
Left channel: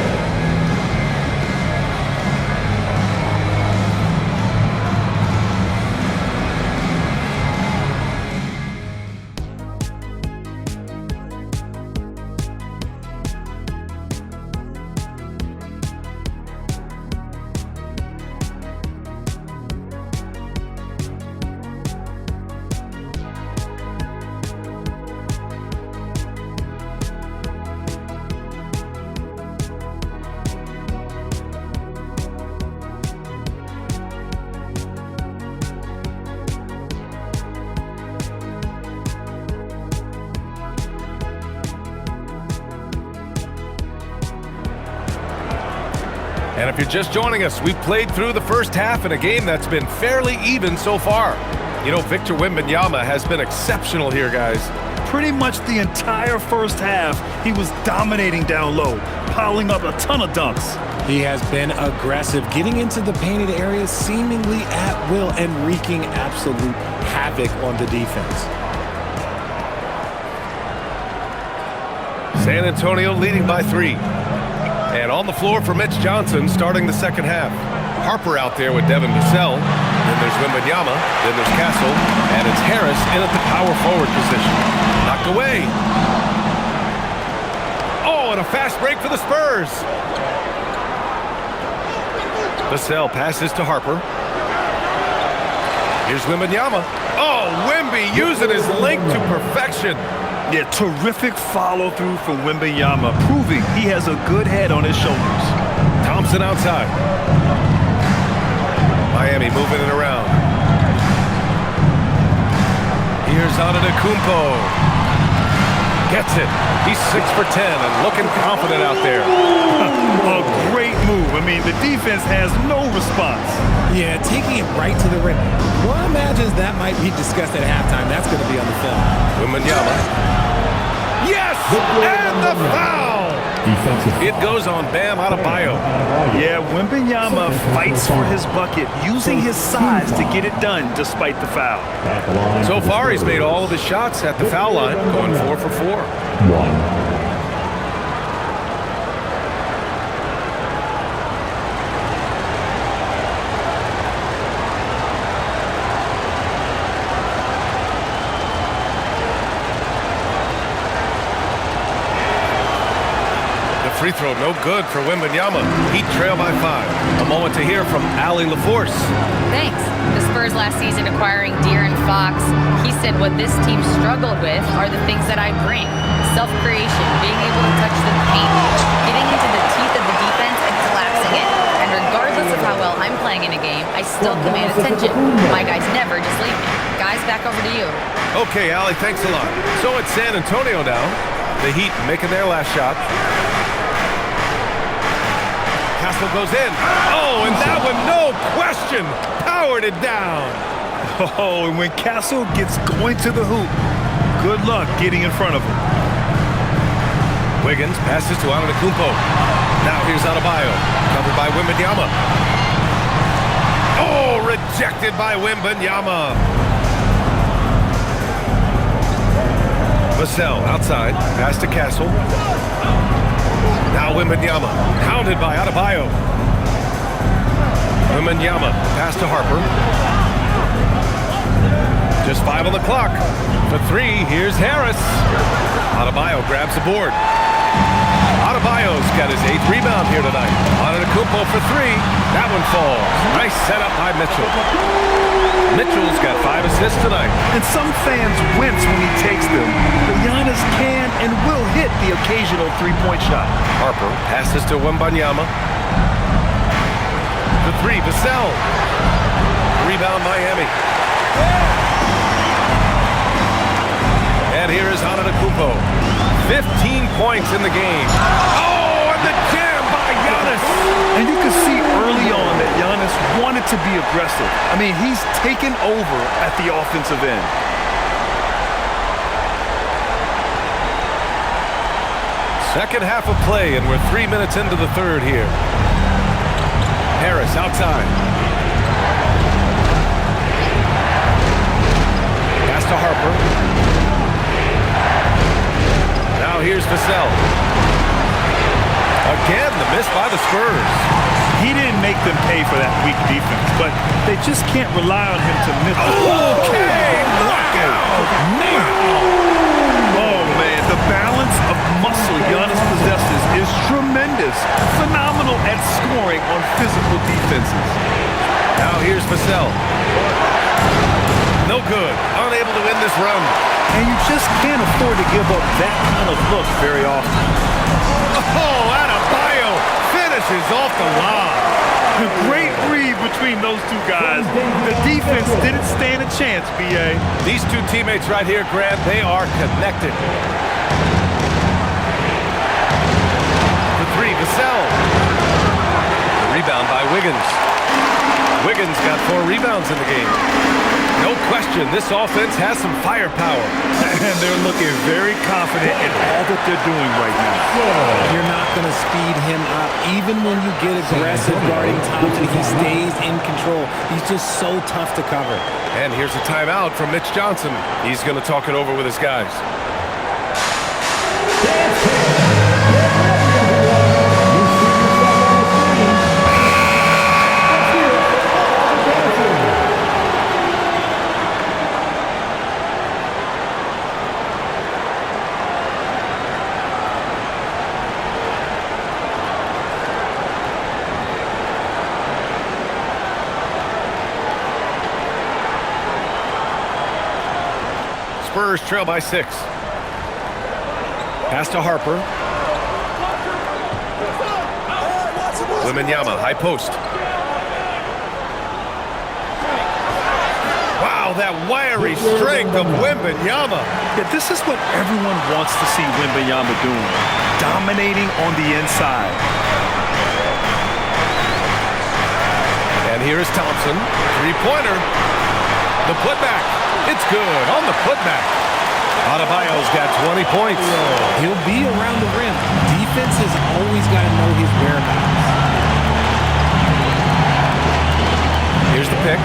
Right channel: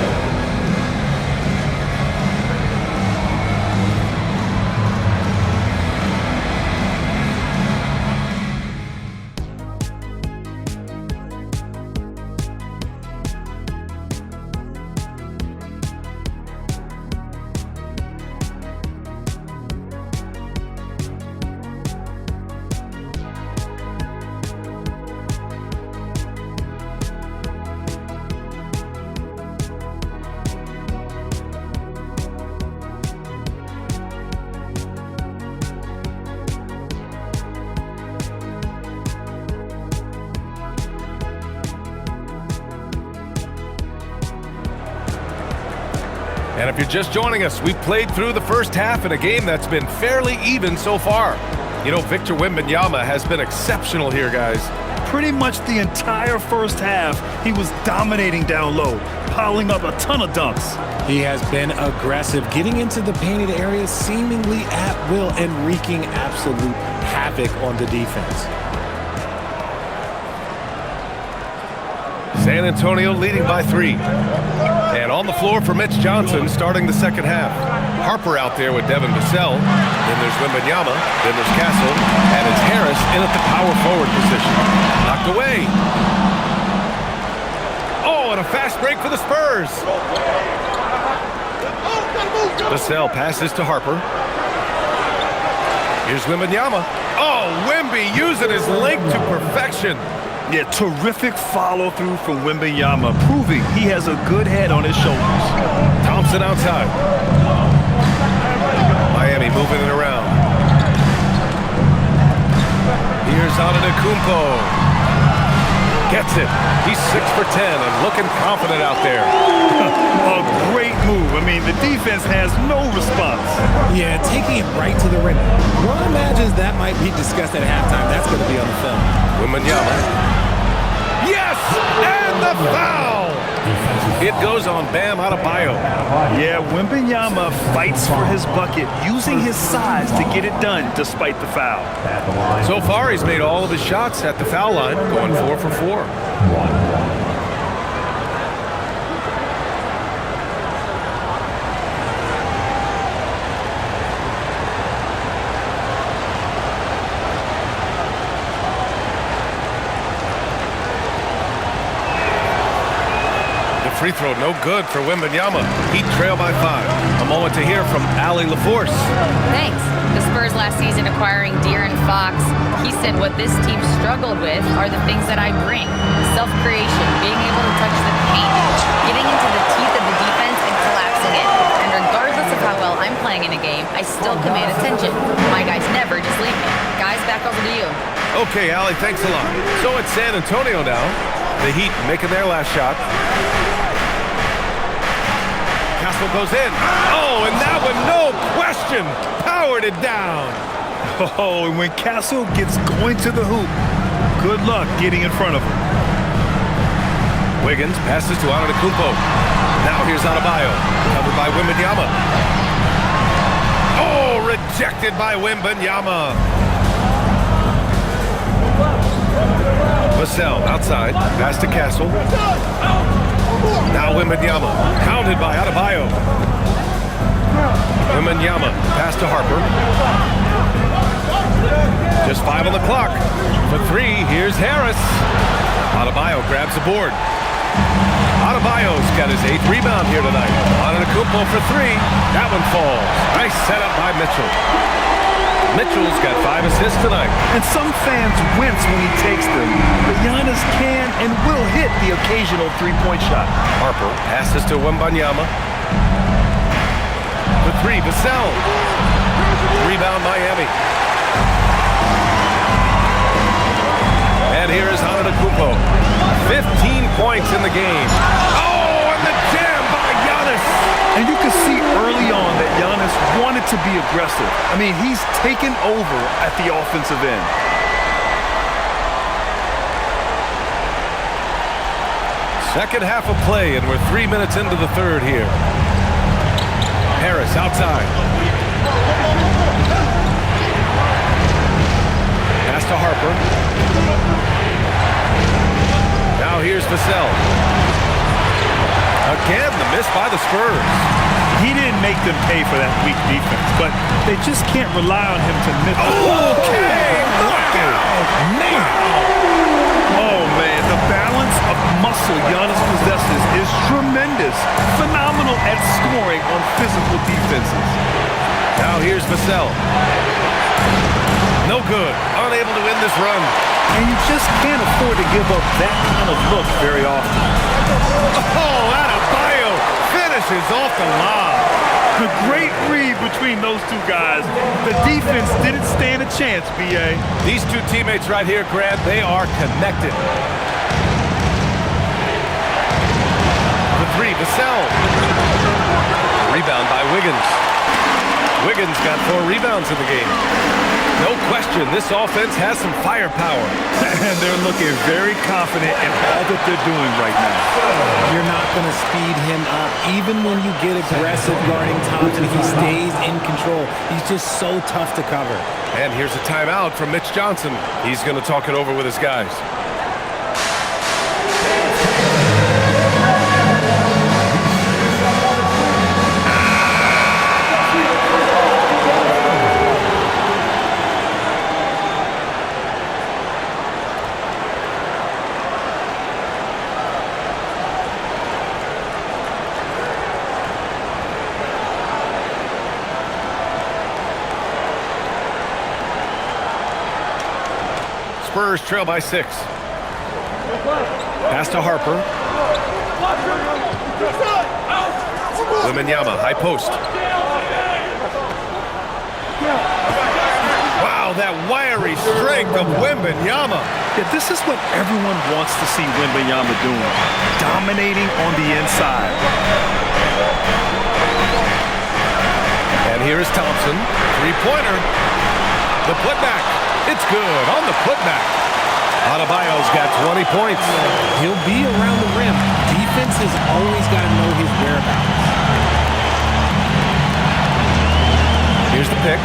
And if you're just joining us, we've played through the first half in a game that's been fairly even so far. You know, Victor Wembanyama has been exceptional here, guys. Pretty much the entire first half, he was dominating down low, piling up a ton of dunks. He has been aggressive, getting into the painted areas seemingly at will and wreaking absolute havoc on the defense. San Antonio leading by 3. And on the floor for Mitch Johnson starting the second half. Harper out there with Devin Vassell. Then there's Wembanyama. Then there's Castle. And it's Harris in at the power forward position. Knocked away. Oh, and a fast break for the Spurs. Vassell passes to Harper. Here's Wembanyama. Oh, Wemby using his length to perfection. Yeah, terrific follow-through from Wembanyama, proving he has a good head on his shoulders. Thompson outside. Miami moving it around. Here's Antetokounmpo. Gets it. He's 6 for 10 and looking confident out there. A great move. I mean, the defense has no response. Yeah, taking it right to the rim. One imagines that might be discussed at halftime. That's going to be on the film. Wembanyama. Yes! And the foul! It goes on Bam Adebayo. Yeah, Wembanyama fights for his bucket, using his size to get it done despite the foul. So far, he's made all of his shots at the foul line, going 4 for 4. 1. Free throw no good for Wembanyama. Heat trail by 5. A moment to hear from Allie LaForce. Thanks. The Spurs last season acquiring De'Aaron Fox, he said what this team struggled with are the things that I bring. Self-creation, being able to touch the paint, getting into the teeth of the defense and collapsing it. And regardless of how well I'm playing in a game, I still command attention. My guys never just leave me. Guys, back over to you. Okay, Allie, thanks a lot. So it's San Antonio now. The Heat making their last shot. Castle goes in. Oh, and that one, no question, powered it down. Oh, and when Castle gets going to the hoop, good luck getting in front of him. Wiggins passes to Antetokounmpo. Now here's Adebayo, covered by Wembanyama. Oh, rejected by Wembanyama. Vassell outside, pass to Castle. Now Wembanyama, pounded by Adebayo. Wembanyama, pass to Harper. Just 5 on the clock. For 3, here's Harris. Adebayo grabs the board. Adebayo's got his 8th rebound here tonight. Antetokounmpo for 3. That one falls. Nice setup by Mitchell. Mitchell's got 5 assists tonight. And some fans wince when he takes them, but Giannis can and will hit the occasional three-point shot. Harper passes to Wembanyama. For 3, Vassell. Rebound Miami. And here is Antetokounmpo. 15 points in the game. Oh, and the jam by Giannis. And you can see early on that Giannis wanted to be aggressive. I mean, he's taken over at the offensive end. Second half of play, and we're 3 minutes into the third here. Harris outside. Pass to Harper. Now here's Vassell. Again, the miss by the Spurs. He didn't make them pay for that weak defense, but they just can't rely on him to miss. Okay, knockout! Wow! Oh, man, the balance of muscle Giannis possesses is tremendous. Phenomenal at scoring on physical defenses. Now here's Vassell. No good. Unable to win this run. And you just can't afford to give up that kind of look very often. Oh, Adebayo finishes off the lob. The great read between those two guys. The defense didn't stand a chance, B.A. These two teammates right here, Grant, they are connected. For 3, Vassell. The Rebound by Wiggins. Wiggins got 4 rebounds in the game. No question, this offense has some firepower. And they're looking very confident in all that they're doing right now. You're not going to speed him up. Even when you get aggressive guarding Thompson, he stays in control. He's just so tough to cover. And here's a timeout from Mitch Johnson. He's going to talk it over with his guys. Spurs trail by 6. Pass to Harper. Wembanyama, high post. Wow, that wiry strength of Wembanyama. Yeah, this is what everyone wants to see Wembanyama doing. Dominating on the inside. And here is Thompson. 3-pointer. The putback. It's good on the putback. Adebayo's got 20 points. He'll be around the rim. Defense has always got to know his whereabouts. Here's the pick.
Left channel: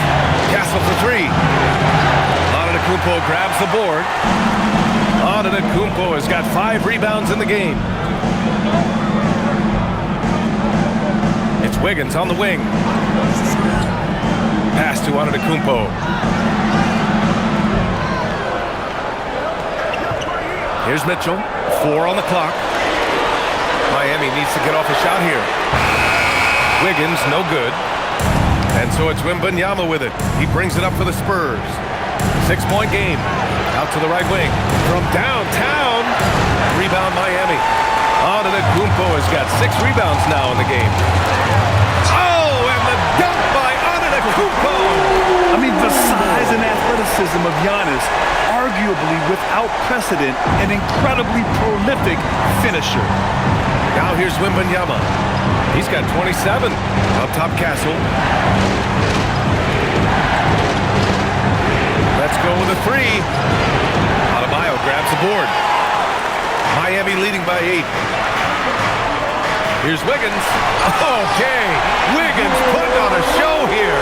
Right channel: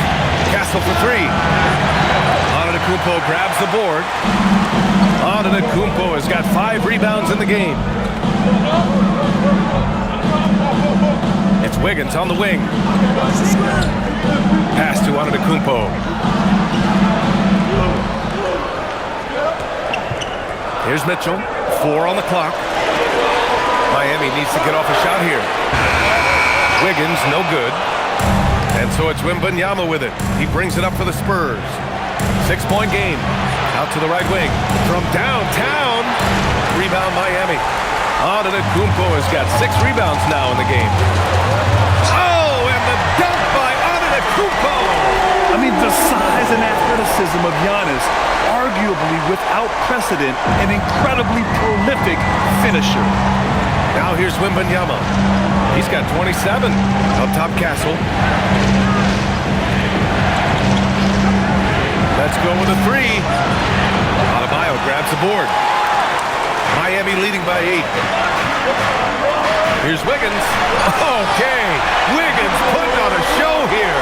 Castle for 3. Antetokounmpo grabs the board. Antetokounmpo has got 5 rebounds in the game. It's Wiggins on the wing. Pass to Antetokounmpo. Here's Mitchell. 4 on the clock. Miami needs to get off a shot here. Wiggins, no good. And so it's Wembanyama with it. He brings it up for the Spurs. 6-point game. Out to the right wing. From downtown. Rebound Miami. Antetokounmpo has got 6 rebounds now in the game. Oh, and the dunk by Antetokounmpo. I mean, the size and athleticism of Giannis, arguably without precedent, an incredibly prolific finisher. Now here's Wembanyama. He's got 27. Up top, Castle. Let's go with a 3. Adebayo grabs the board. Miami leading by 8. Here's Wiggins. Okay, Wiggins putting on a show here.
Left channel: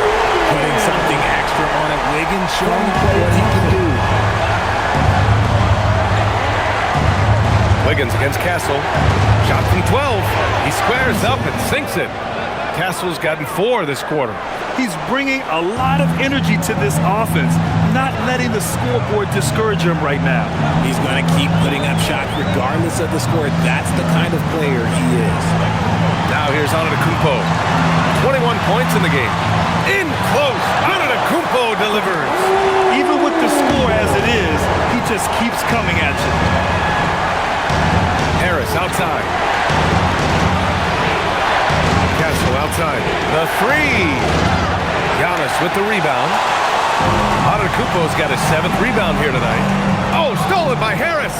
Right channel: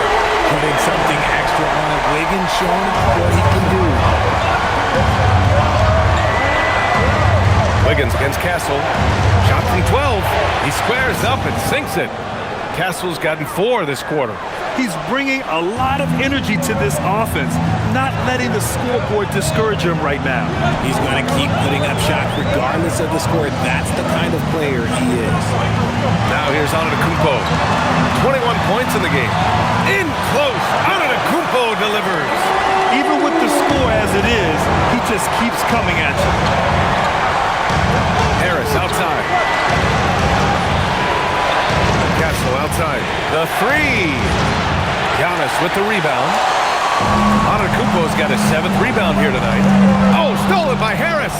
Putting something extra on it. Wiggins showing off what he can do. Wiggins against Castle. Shot from 12. He squares up and sinks it. Castle's gotten 4 this quarter. He's bringing a lot of energy to this offense, not letting the scoreboard discourage him right now. He's going to keep putting up shots regardless of the score. That's the kind of player he is. Now here's Antetokounmpo. 21 points in the game. In close. Antetokounmpo delivers. Even with the score as it is, he just keeps coming at you. Harris outside. Castle outside. The 3. Giannis with the rebound. Antetokounmpo's got his 7th rebound here tonight. Oh, stolen by Harris.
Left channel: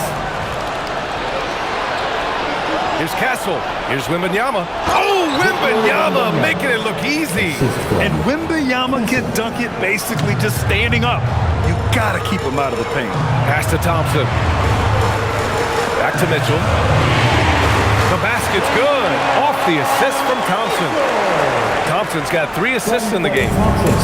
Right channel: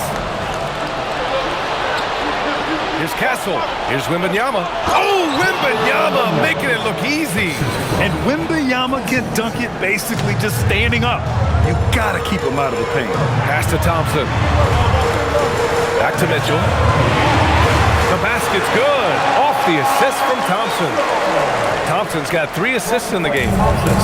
Here's Castle. Here's Wembanyama. Oh, Wembanyama making it look easy. And Wembanyama can dunk it basically just standing up. You got to keep him out of the paint. Pass to Thompson. Back to Mitchell. The basket's good. Off the assist from Thompson. Thompson's got 3 assists in the game.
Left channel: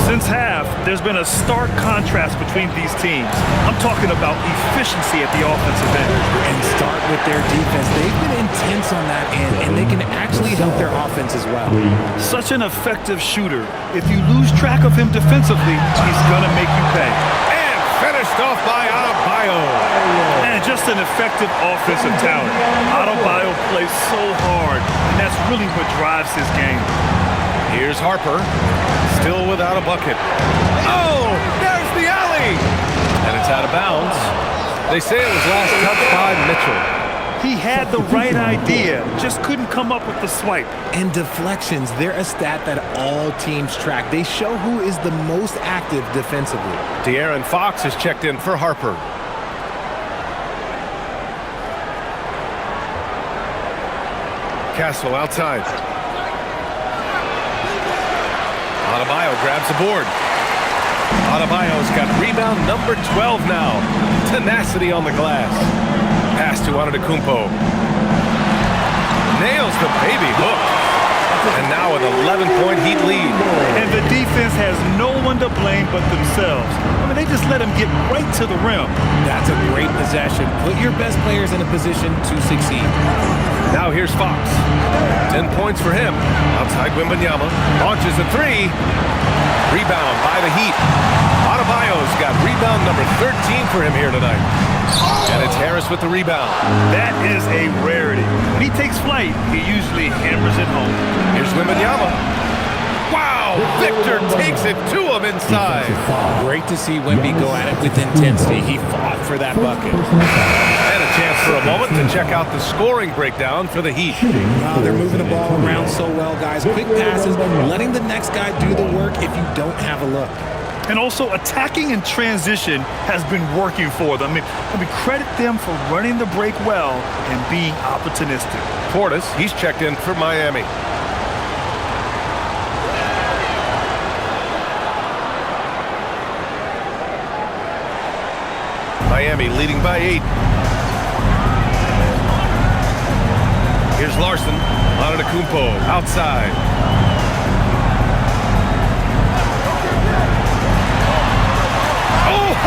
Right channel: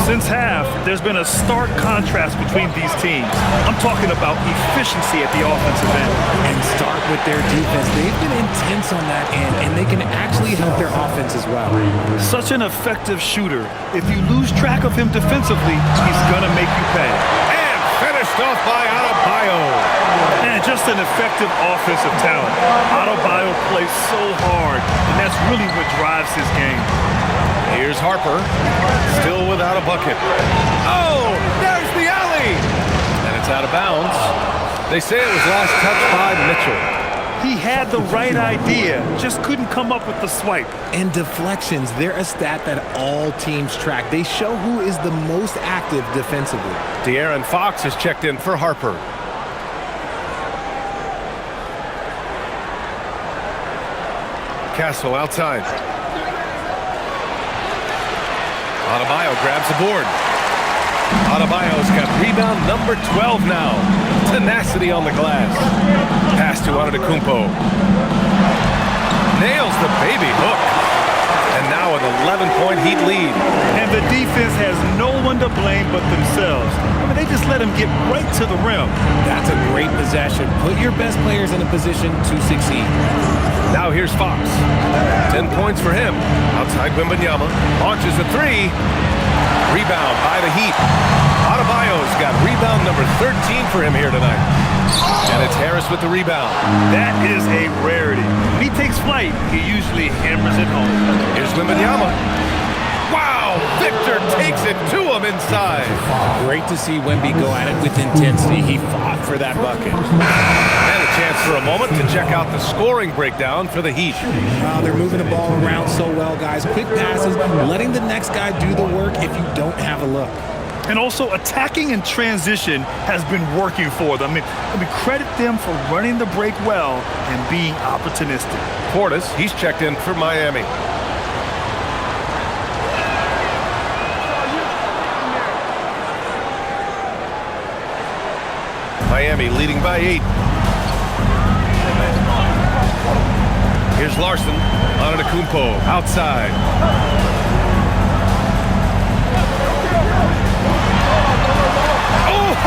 Since half, there's been a stark contrast between these teams. I'm talking about efficiency at the offensive end. And start with their defense. They've been intense on that end, and they can actually help their offense as well. Such an effective shooter. If you lose track of him defensively, he's going to make you pay. And finished off by Adebayo. And just an effective offensive talent. Adebayo plays so hard, and that's really what drives his game. Here's Harper, still without a bucket. Oh, there's the alley! And it's out of bounds. They say it was last touched by Mitchell. He had the right idea, just couldn't come up with the swipe. And deflections, they're a stat that all teams track. They show who is the most active defensively. De'Aaron Fox has checked in for Harper. Castle outside. Adebayo grabs the board. Adebayo's got rebound number 12 now. Tenacity on the glass. Pass to Antetokounmpo. Nails the baby hook. And now an 11-point Heat lead. And the defense has no one to blame but themselves. I mean, they just let him get right to the rim. That's a great possession. Put your best players in a position to succeed. Now here's Fox. 10 points for him. Outside Wembanyama. Launches a three. Rebound by the Heat. Adebayo's got rebound number 13 for him here tonight. And it's Harris with the rebound. That is a rarity. When he takes flight, he usually hammers it home. Here's Wembanyama. Wow! Victor takes it to him inside. Great to see Wemby go at it with intensity. He fought for that bucket. And a chance for a moment to check out the scoring breakdown for the Heat. They're moving the ball around so well, guys. Quick passes, letting the next guy do the work if you don't have a look. And also, attacking in transition has been working for them. I mean, credit them for running the break well and being opportunistic. Portis, he's checked in for Miami. Miami leading by 8. Here's Larson. Antetokounmpo outside.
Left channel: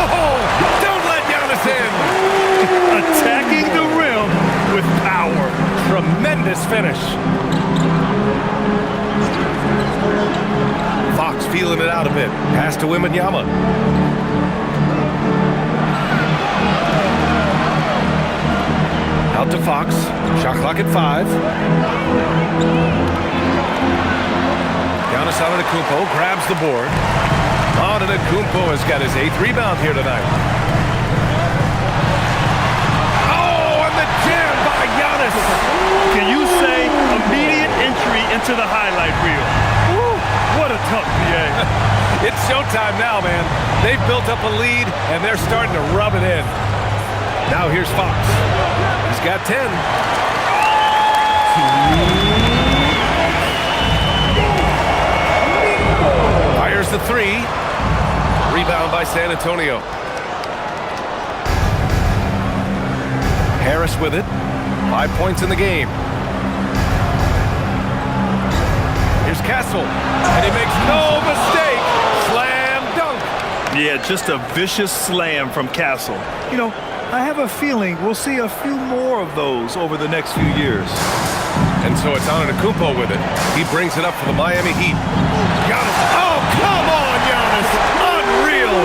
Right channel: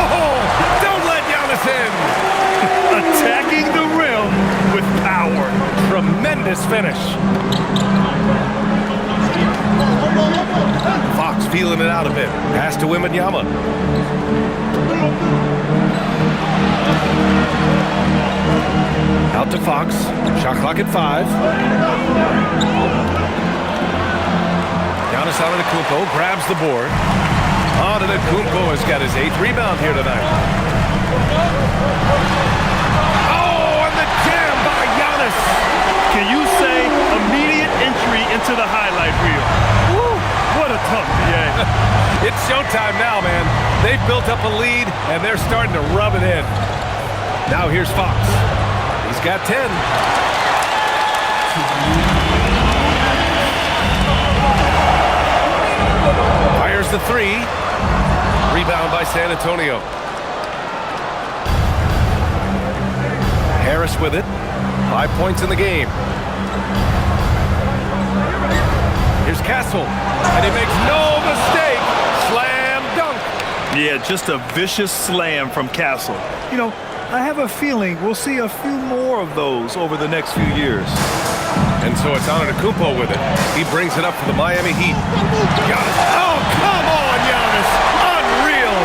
Oh, don't let Giannis in. Attacking the rim with power. Tremendous finish. Fox feeling it out a bit. Pass to Wembanyama. Out to Fox. Shot clock at 5. Giannis Antetokounmpo grabs the board. Antetokounmpo has got his 8th rebound here tonight. Oh, and the jam by Giannis. Can you say immediate entry into the highlight reel? Woo, what a dunk, PA. It's showtime now, man. They've built up a lead, and they're starting to rub it in. Now here's Fox. He's got 10. Fires the 3. Rebound by San Antonio. Harris with it. 5 points in the game. Here's Castle. And he makes no mistake. Slam dunk. Yeah, just a vicious slam from Castle. You know, I have a feeling we'll see a few more of those over the next few years. And so it's Antetokounmpo with it. He brings it up for the Miami Heat. Giannis. Oh, come on, Giannis. Unreal.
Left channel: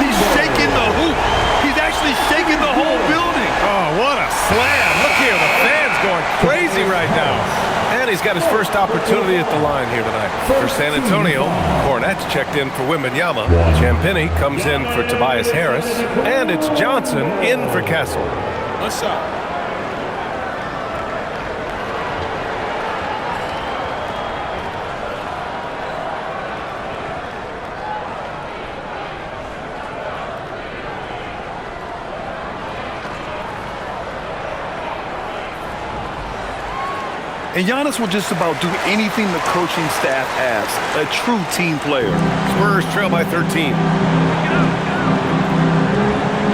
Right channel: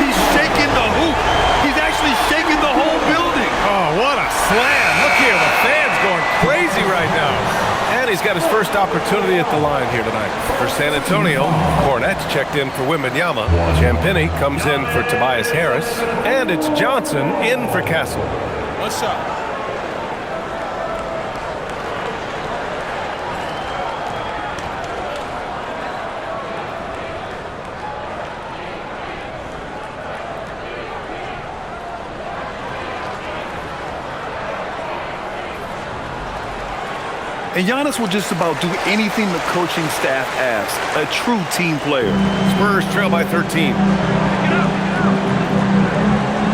He's shaking the hoop. He's actually shaking the whole building. Oh, what a slam. Look here. The fans going crazy right now. And he's got his first opportunity at the line here tonight. For San Antonio, Cornette's checked in for Wembanyama. Champagny comes in for Tobias Harris. And it's Johnson in for Castle. What's up? And Giannis will just about do anything the coaching staff asks. A true team player. Spurs trail by 13.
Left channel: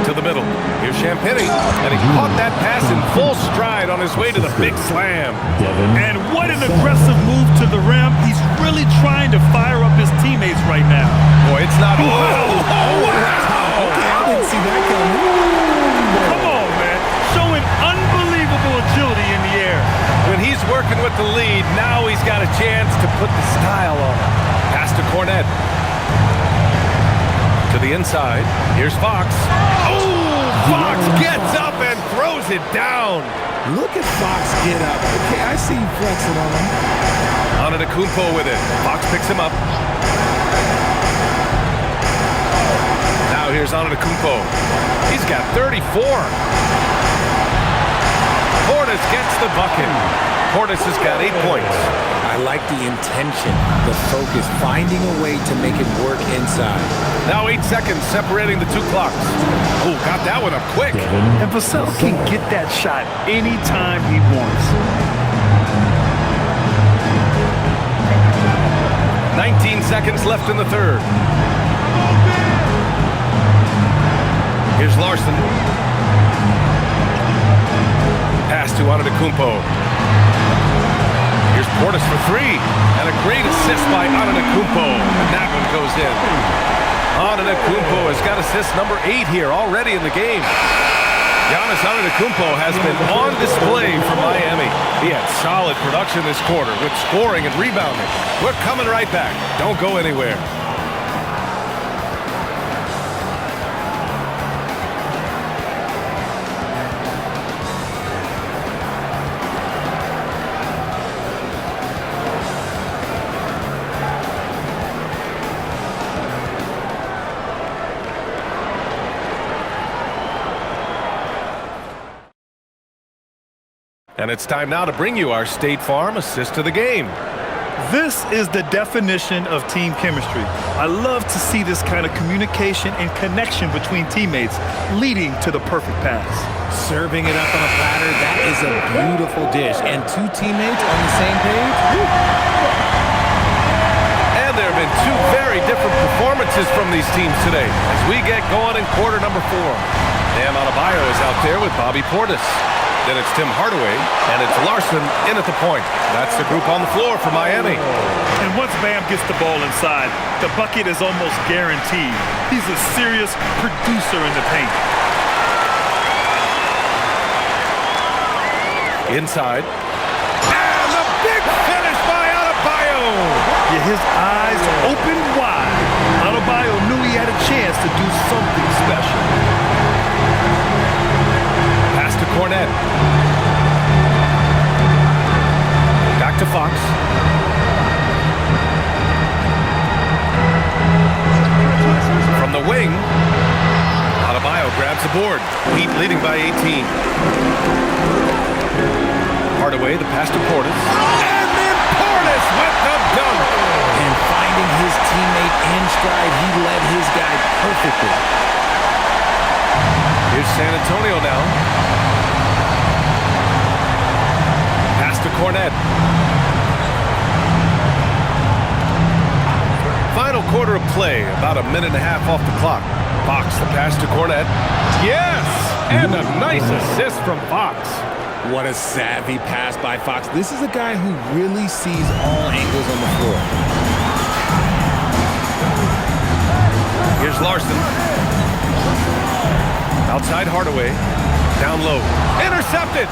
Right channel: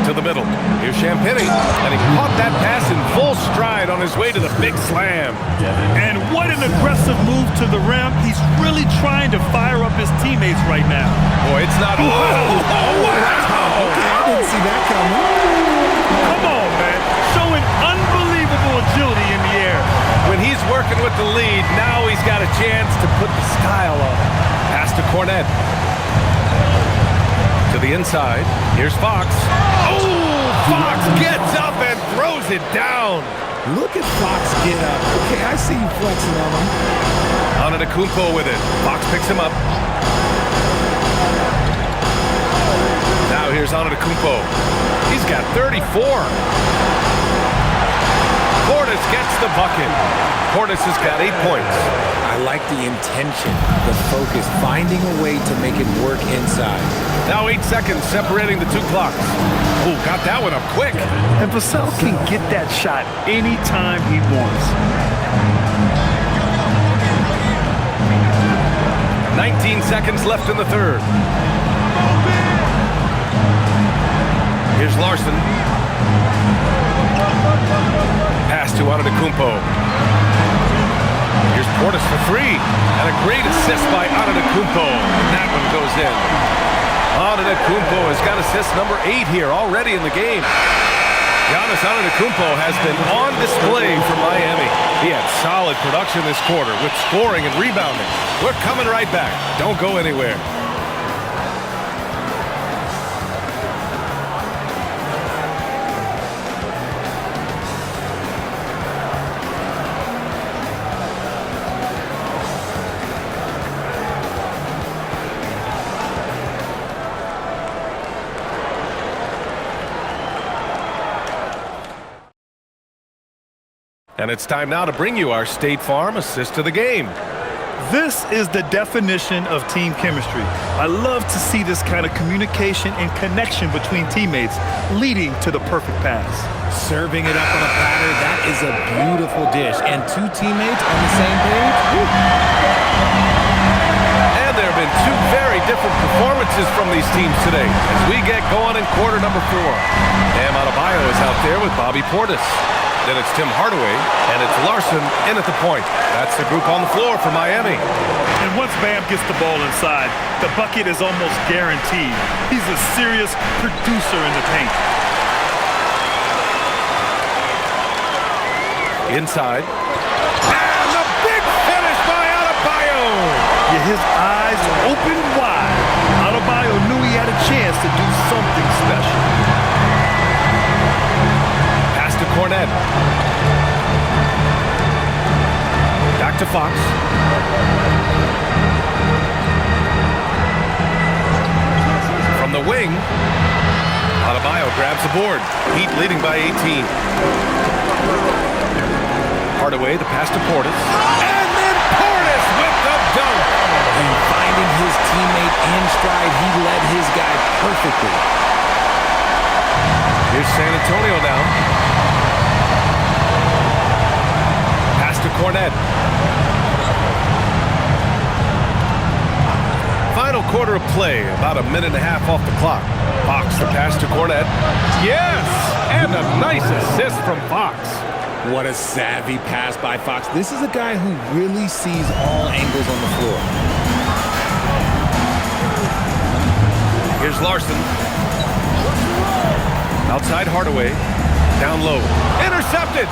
To the middle. Here's Champagny. And he caught that pass in full stride on his way to the big slam. And what an aggressive move to the rim. He's really trying to fire up his teammates right now. Boy, it's not... Oh, wow! Okay, I didn't see that coming. Come on, man. Showing unbelievable agility in the air. When he's working with the lead, now he's got a chance to put the style on it. Pass to Cornette. To the inside. Here's Fox. Oh, Fox gets up and throws it down. Look at Fox get up. Okay, I see you flexing on him. Antetokounmpo with it. Fox picks him up. Now here's Antetokounmpo. He's got 34. Portis gets the bucket. Portis has got 8 points. I like the intention, the focus, finding a way to make it work inside. Now 8 seconds separating the two clocks. Oh, got that one up quick. And Vassell can get that shot anytime he wants. 19 seconds left in the third. Here's Larson. Pass to Antetokounmpo. Here's Portis for three. And a great assist by Antetokounmpo. And that one goes in. Antetokounmpo has got assist number 8 here already in the game. Giannis Antetokounmpo has been on display for Miami. He had solid production this quarter with scoring and rebounding. We're coming right back. Don't go anywhere. And it's time now to bring you our State Farm assist of the game. This is the definition of team chemistry. I love to see this kind of communication and connection between teammates leading to the perfect pass. Serving it up on a platter, that is a beautiful dish. And two teammates on the same page. Woo. And there have been two very different performances from these teams today as we get going in quarter number 4. Bam Adebayo is out there with Bobby Portis. Then it's Tim Hardaway, and it's Larson in at the point. That's the group on the floor for Miami. And once Bam gets the ball inside, the bucket is almost guaranteed. He's a serious producer in the paint. Inside. And the big finish by Adebayo. Yeah, his eyes open wide. Adebayo knew he had a chance to do something special. Pass to Cornet. Back to Fox. From the wing, Adebayo grabs the board. Heat leading by 18. Hardaway, the pass to Portis. And then Portis with the dunk. And finding his teammate in stride, he led his guy perfectly. Here's San Antonio now. Pass to Cornet. Final quarter of play, about a minute and a half off the clock. Fox, the pass to Cornet. Yes! And a nice assist from Fox. What a savvy pass by Fox. This is a guy who really sees all angles on the floor. Here's Larson. Outside Hardaway. Down low. Intercepted!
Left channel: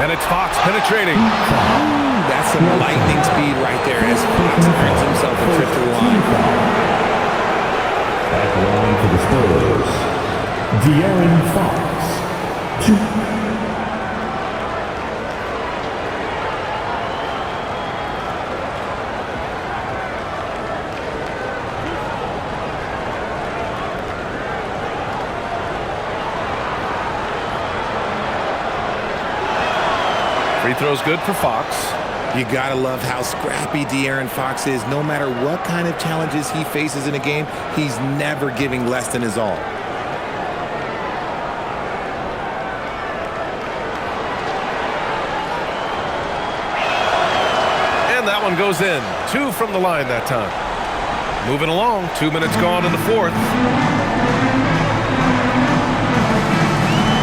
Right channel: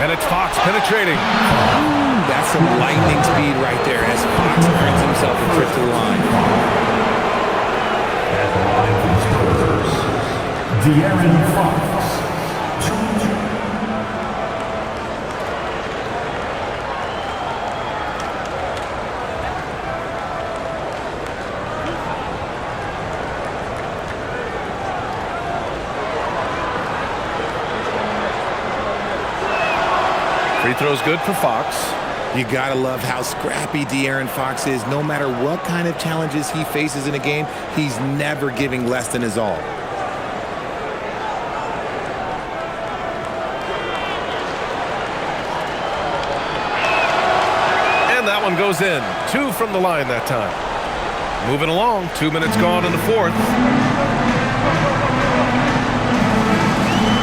And it's Fox penetrating. Ooh, that's some lightning speed right there as Fox earns himself a trip to the line. At the line for the Spurs, De'Aaron Fox. 2. Free throw's good for Fox. You gotta love how scrappy De'Aaron Fox is. No matter what kind of challenges he faces in a game, he's never giving less than his all. And that one goes in. 2 from the line that time. Moving along, 2 minutes gone in the fourth.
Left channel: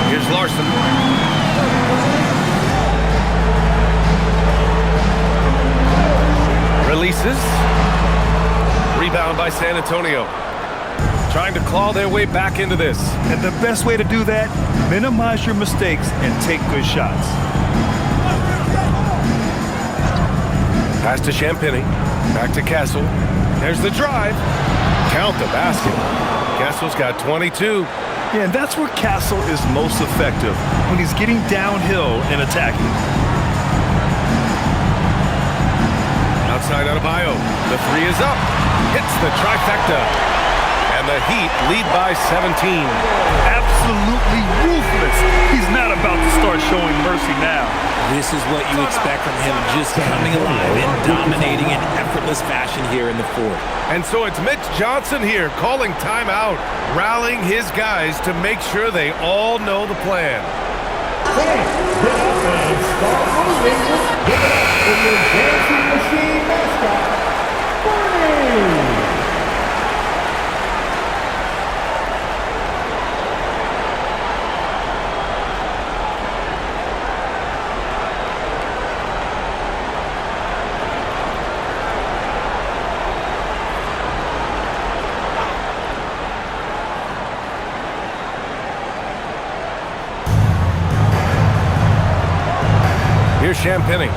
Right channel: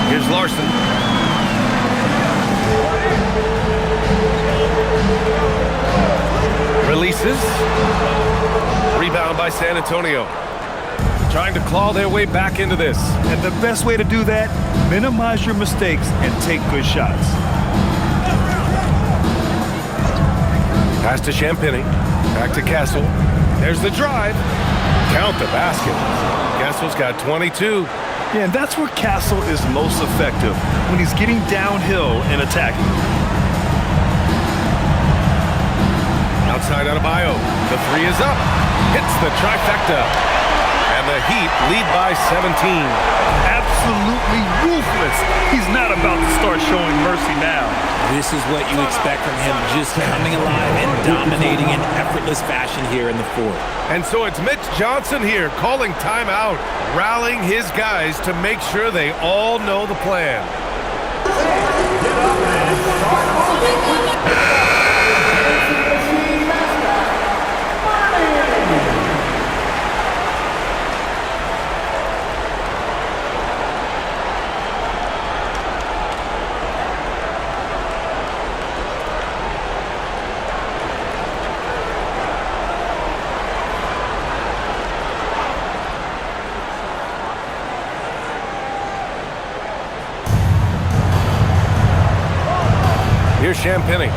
Here's Larson. Releases. Rebound by San Antonio. Trying to claw their way back into this. And the best way to do that, minimize your mistakes and take good shots. Pass to Champagny. Back to Castle. There's the drive. Count the basket. Castle's got 22. Yeah, and that's where Castle is most effective, when he's getting downhill and attacking. Outside Adebayo. The 3 is up. Hits the trifecta. And the Heat lead by 17. Absolutely ruthless. He's not about to start showing mercy now. This is what you expect from him, just coming alive and dominating in effortless fashion here in the fourth. And so it's Mitch Johnson here calling timeout, rallying his guys to make sure they all know the plan. Get up and start moving. Get up with your dancing Here's Champagny.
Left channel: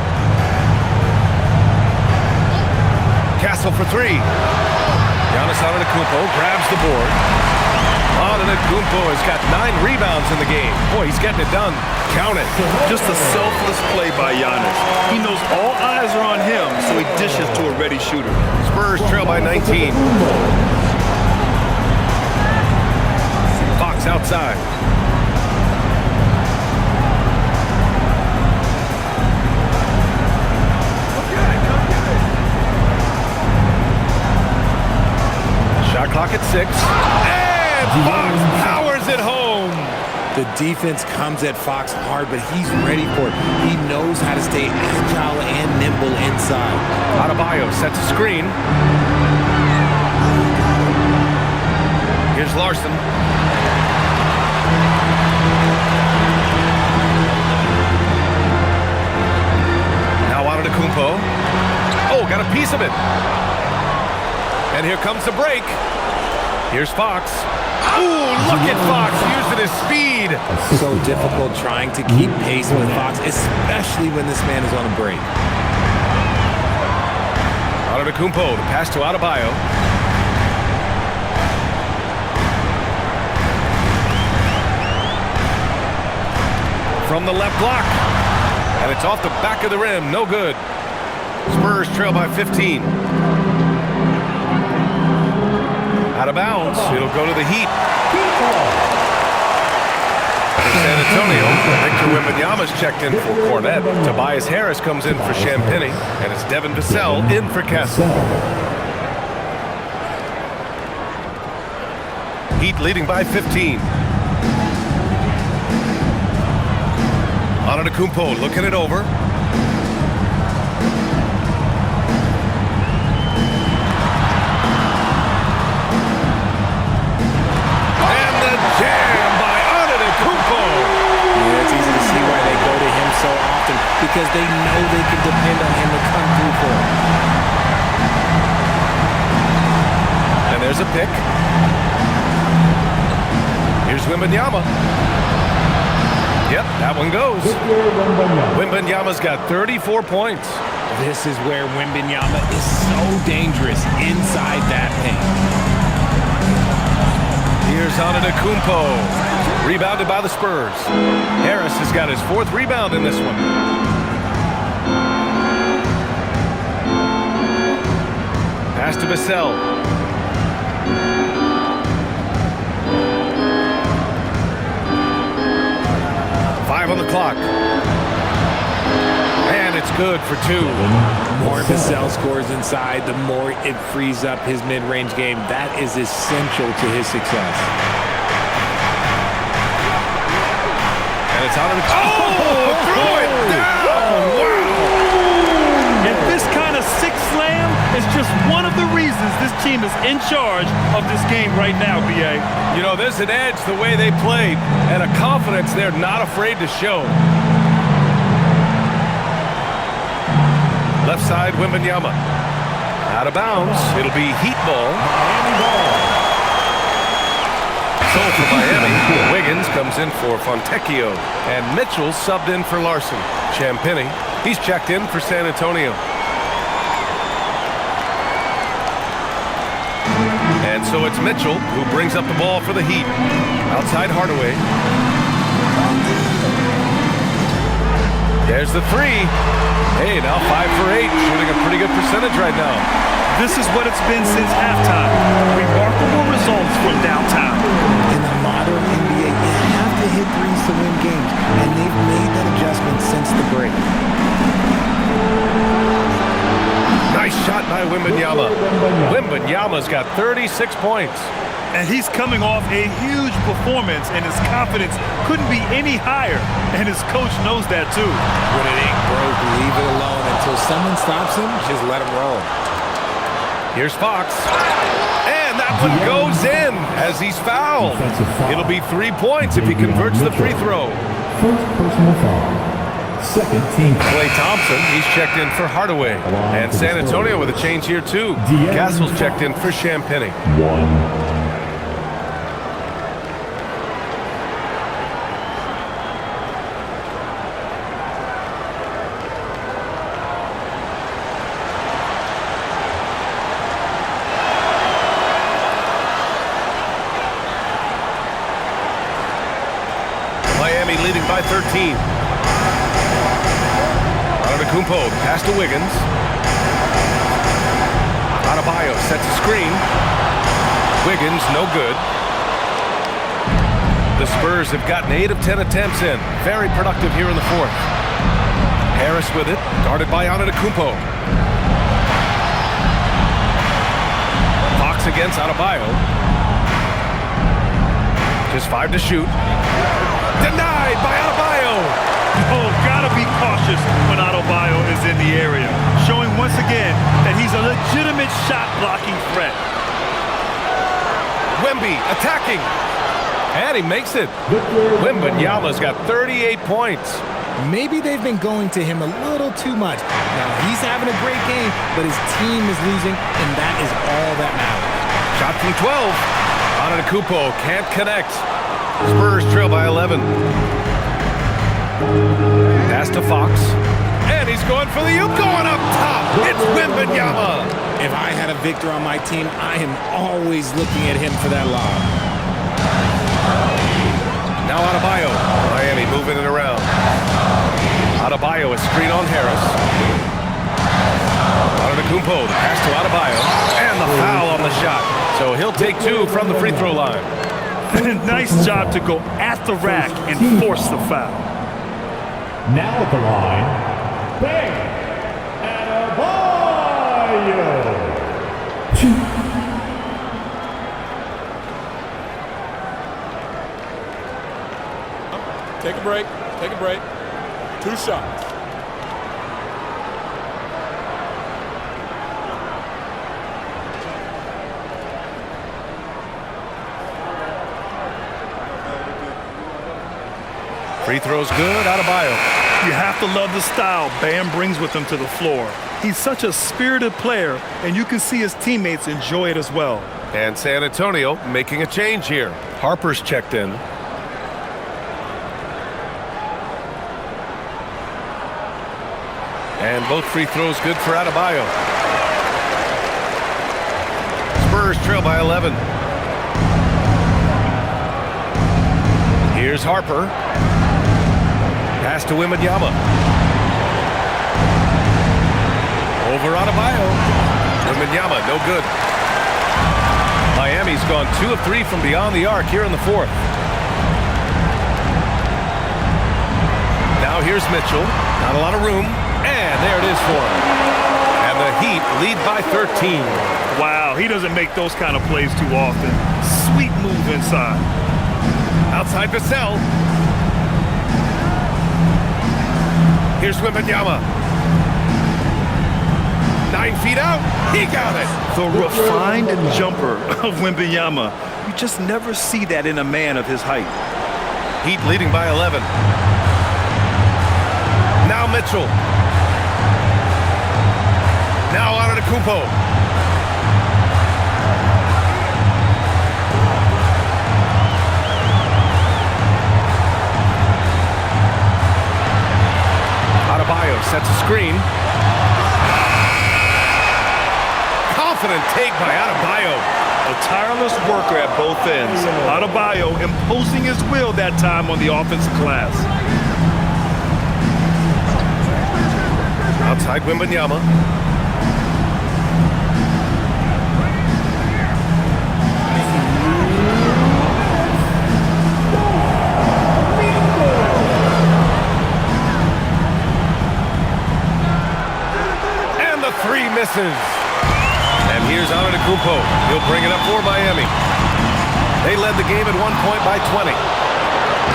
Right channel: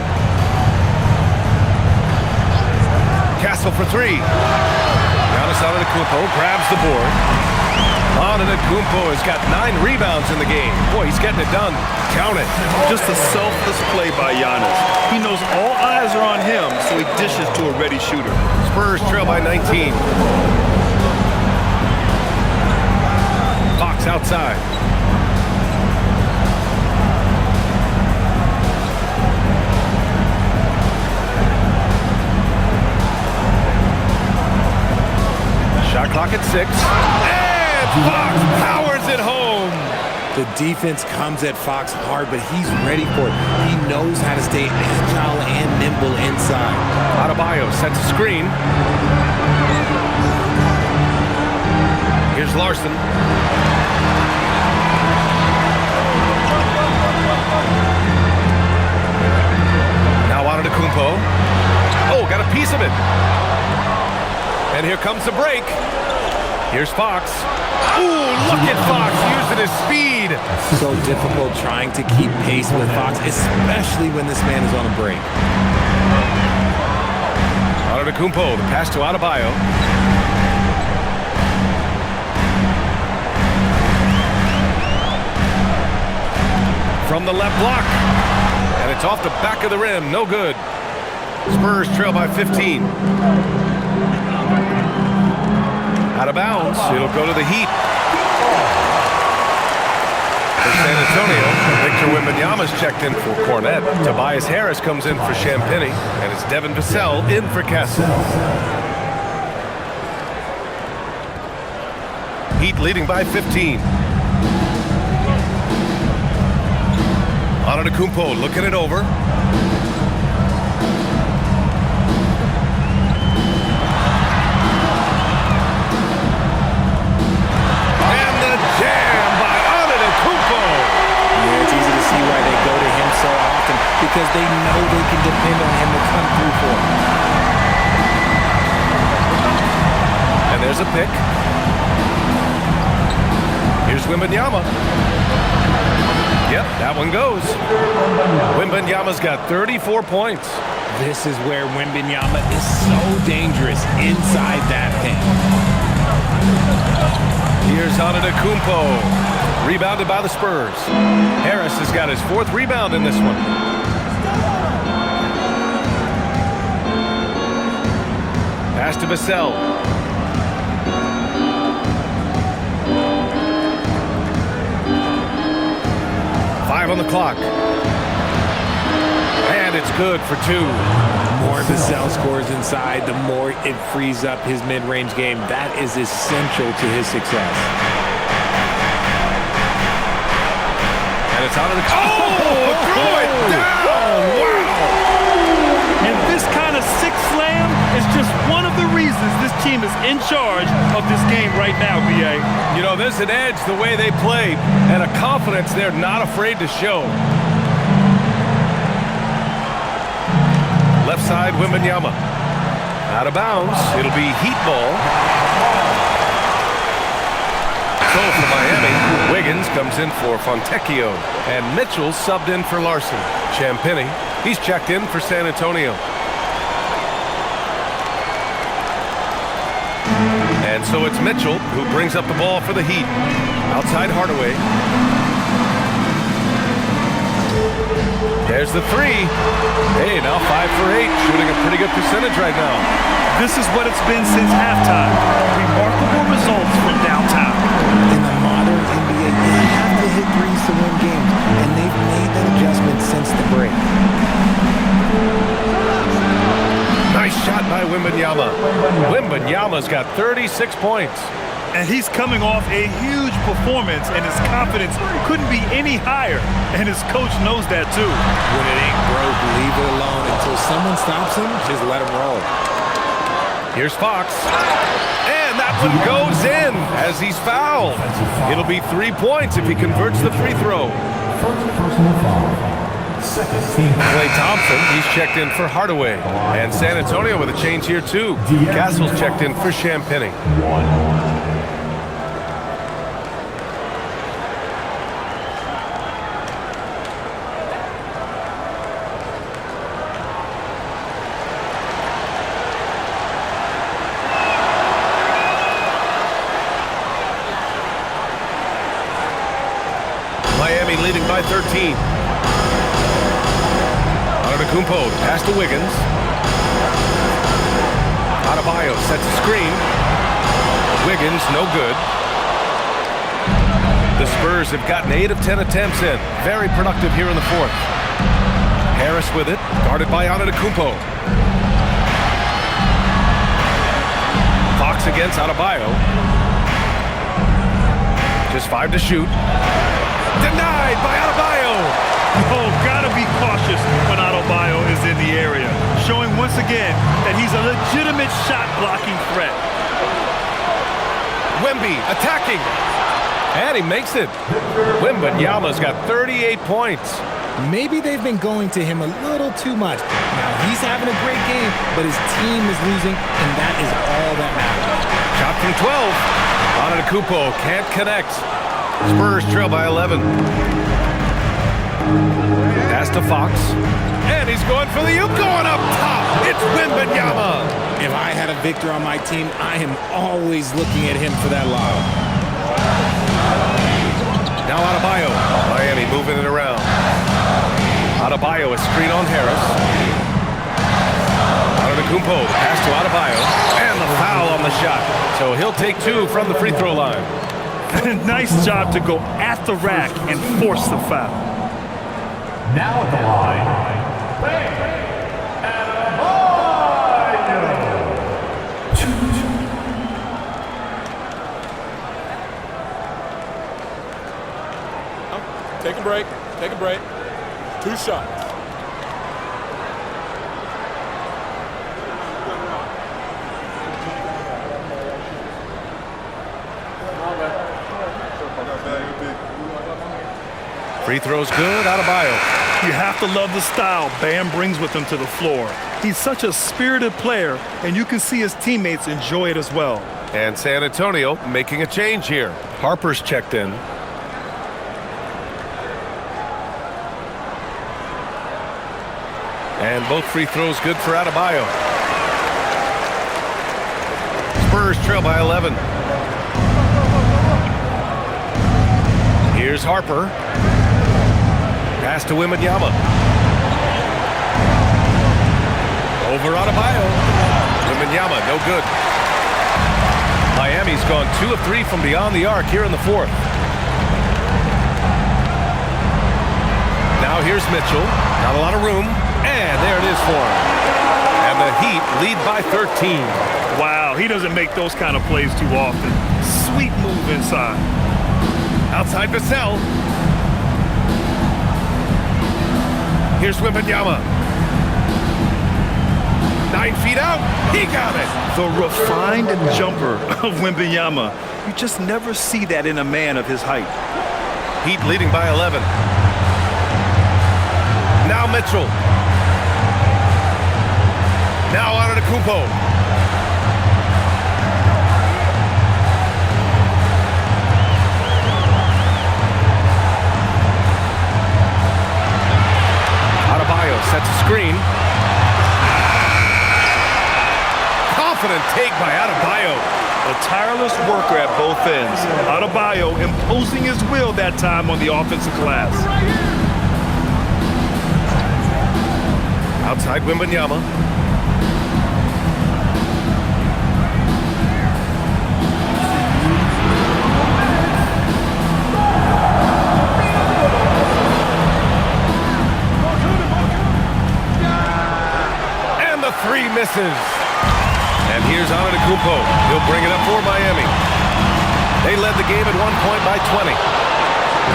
Castle for three. Giannis Antetokounmpo grabs the board. Antetokounmpo has got 9 rebounds in the game. Boy, he's getting it done. Count it. Just a selfless play by Giannis. He knows all eyes are on him, so he dishes to a ready shooter. Spurs trail by 19. Fox outside. Shot clock at 6. And Fox powers it home. The defense comes at Fox hard, but he's ready for it. He knows how to stay agile and nimble inside. Adebayo sets a screen. Here's Larson. Now Antetokounmpo. Oh, got a piece of it. And here comes the break. Here's Fox. Ooh, look at Fox using his speed. So difficult trying to keep pace with Fox, especially when this man is on a break. Antetokounmpo, the pass to Adebayo. From the left block. And it's off the back of the rim. No good. Spurs trail by 15. Out of bounds. It'll go to the Heat. For San Antonio, Victor Wembanyama's checked in for Cornette. Tobias Harris comes in for Champagny. And it's Devin Vassell in for Castle. Heat leading by 15. Antetokounmpo looking it over. And the jam by Antetokounmpo. Yeah, it's easy to see why they go to him so often, because they know they can depend on him to come through for them. And there's a pick. Here's Wembanyama. Yep, that one goes. Wembanyama's got 34 points. This is where Wembanyama is so dangerous inside that paint. Here's Antetokounmpo. Rebounded by the Spurs. Harris has got his 4th rebound in this one. Pass to Vassell. Five on the clock. And it's good for 2. More Vassell scores inside, the more it frees up his mid-range game. That is essential to his success. And it's out of the... Oh! Throw it down! Wow! And this kind of sick slam is just one of the reasons this team is in charge of this game right now, B.A. You know, there's an edge the way they played and a confidence they're not afraid to show. Left side, Wembanyama. Out of bounds. It'll be Heat ball. So for Miami, Wiggins comes in for Fontecchio. And Mitchell subbed in for Larson. Champagny, he's checked in for San Antonio. And so it's Mitchell who brings up the ball for the Heat. Outside Hardaway. There's the 3. Hey, now 5 for 8, shooting a pretty good percentage right now. This is what it's been since halftime. Remarkable results from downtown. In the modern NBA, you have to hit threes to win games, and they've made that adjustment since the break. Nice shot by Wembanyama. Wembanyama's got 36 points. And he's coming off a huge performance, and his confidence couldn't be any higher. And his coach knows that too. When it ain't broke, leave it alone. Until someone stops him, just let him roll. Here's Fox. And that one goes in as he's fouled. It'll be 3 points if he converts the free throw. First personal foul. Second team. Klay Thompson, he's checked in for Hardaway. And San Antonio with a change here too. Castle's checked in for Champagny. 1. Miami leading by 13. Antetokounmpo, pass to Wiggins. Adebayo sets a screen. Wiggins, no good. The Spurs have gotten 8 of 10 attempts in. Very productive here in the fourth. Harris with it, guarded by Antetokounmpo. Fox against Adebayo. Just 5 to shoot. Denied by Adebayo. Oh, gotta be cautious when Adebayo is in the area, showing once again that he's a legitimate shot-blocking threat. Wemby attacking. And he makes it. Wembanyama's got 38 points. Maybe they've been going to him a little too much. Now, he's having a great game, but his team is losing, and that is all that matters. Shot from 12. Antetokounmpo can't connect. Spurs trail by 11. Pass to Fox. And he's going for the oop, going up top. It's Wembanyama. If I had a Victor on my team, I am always looking at him for that lob. Now Adebayo. Miami moving it around. Adebayo, a screen on Harris. Antetokounmpo, the pass to Adebayo. And the foul on the shot. So he'll take 2 from the free throw line. Nice job to go at the rack and force the foul. Now at the line, Bang Adebayo. Take a break. Take a break. 2 shots. Free throw's good, Adebayo. You have to love the style Bam brings with him to the floor. He's such a spirited player, and you can see his teammates enjoy it as well. And San Antonio making a change here. Harper's checked in. And both free throws good for Adebayo. Spurs trail by 11. Here's Harper. Pass to Wembanyama. Over Adebayo. Wembanyama, no good. Miami's gone 2 of 3 from beyond the arc here in the fourth. Now here's Mitchell. Not a lot of room. And there it is for him. And the Heat lead by 13. Wow, he doesn't make those kind of plays too often. Sweet move inside. Outside Vassell. Here's Wembanyama. 9 feet out. He got it. The refined jumper of Wembanyama. You just never see that in a man of his height. Heat leading by 11. Now Mitchell. Now Antetokounmpo. Adebayo sets a screen. Confident take by Adebayo. A tireless worker at both ends. Adebayo imposing his will that time on the offensive glass. Outside Wembanyama. And the 3 misses. And here's Antetokounmpo. He'll bring it up for Miami. They led the game at 1 point by 20.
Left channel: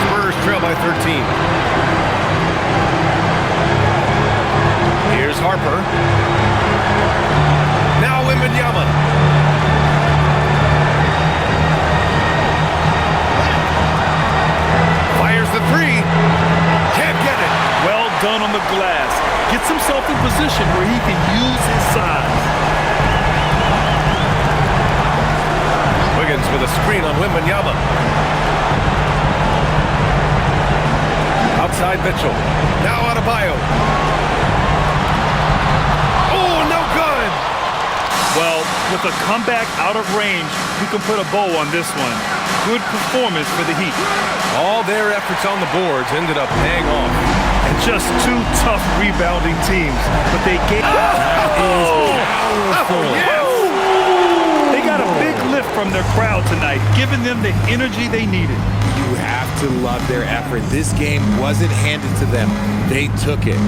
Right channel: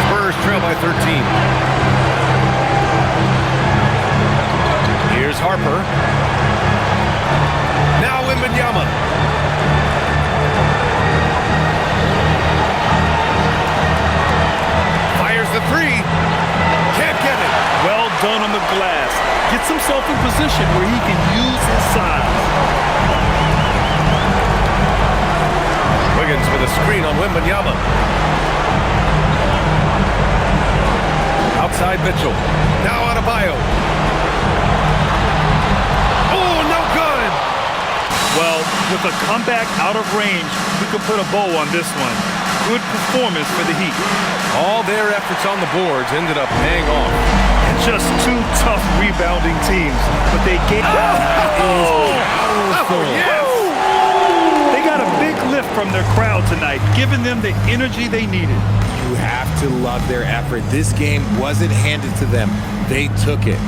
Spurs trail by 13. Here's Harper. Now Wembanyama. Fires the 3. Can't get it. Well done on the glass. Gets himself in position where he can use his size. Wiggins with a screen on Wembanyama. Outside Mitchell. Now Adebayo. Oh, no good. Well, with a comeback out of range, we can put a bow on this one. good performance for the Heat. All their efforts on the boards ended up paying off. And just two tough rebounding teams, but they gave... They got a big lift from their crowd tonight, giving them the energy they needed. You have to love their effort. This game wasn't handed to them. They took it.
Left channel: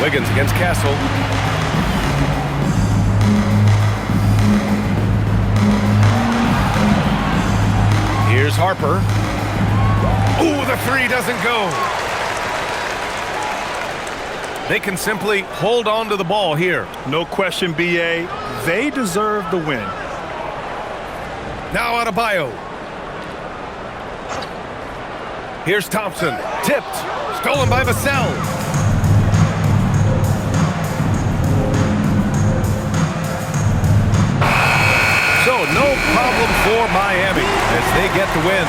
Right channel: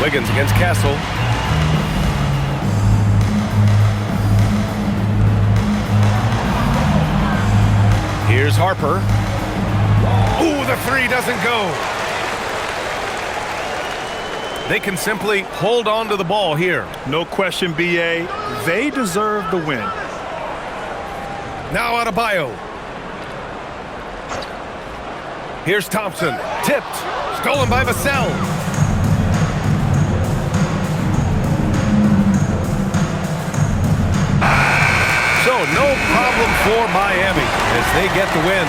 Wiggins against Castle. Here's Harper. Ooh, the three doesn't go. They can simply hold on to the ball here. No question, B.A. They deserve the win. Now Adebayo. Here's Thompson. Tipped. Stolen by Vassell. So no problem for Miami as they get the win.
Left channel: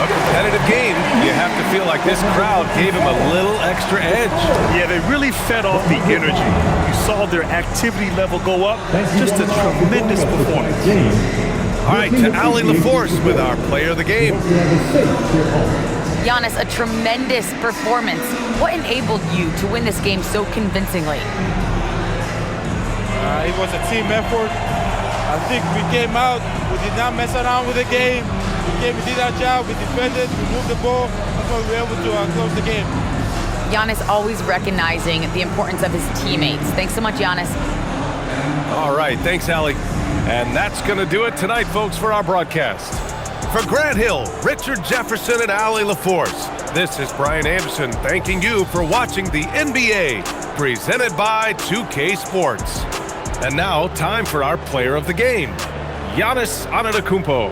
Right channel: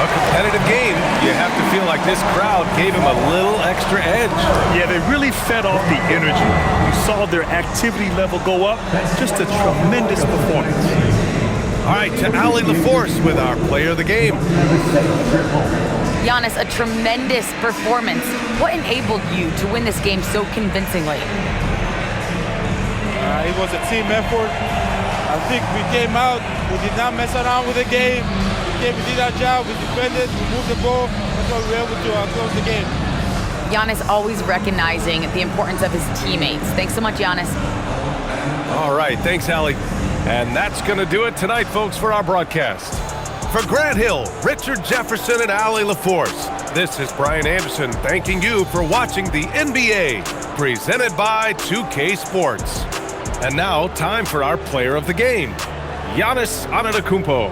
A competitive game. You have to feel like this crowd gave him a little extra edge. Yeah, they really fed off the energy. You saw their activity level go up. Just a tremendous performance. All right, to Ali LaForce with our player of the game. Giannis, a tremendous performance. What enabled you to win this game so convincingly? It was a team effort. I think we came out, we did not mess around with the game. We did our job, we defended, we moved the ball. That's why we were able to close the game. Giannis always recognizing the importance of his teammates. Thanks so much, Giannis. All right, thanks, Ali. And that's going to do it tonight, folks, for our broadcast. For Grant Hill, Richard Jefferson, and Ali LaForce, this is Brian Anderson thanking you for watching the NBA, presented by 2K Sports. And now, time for our player of the game, Giannis Antetokounmpo.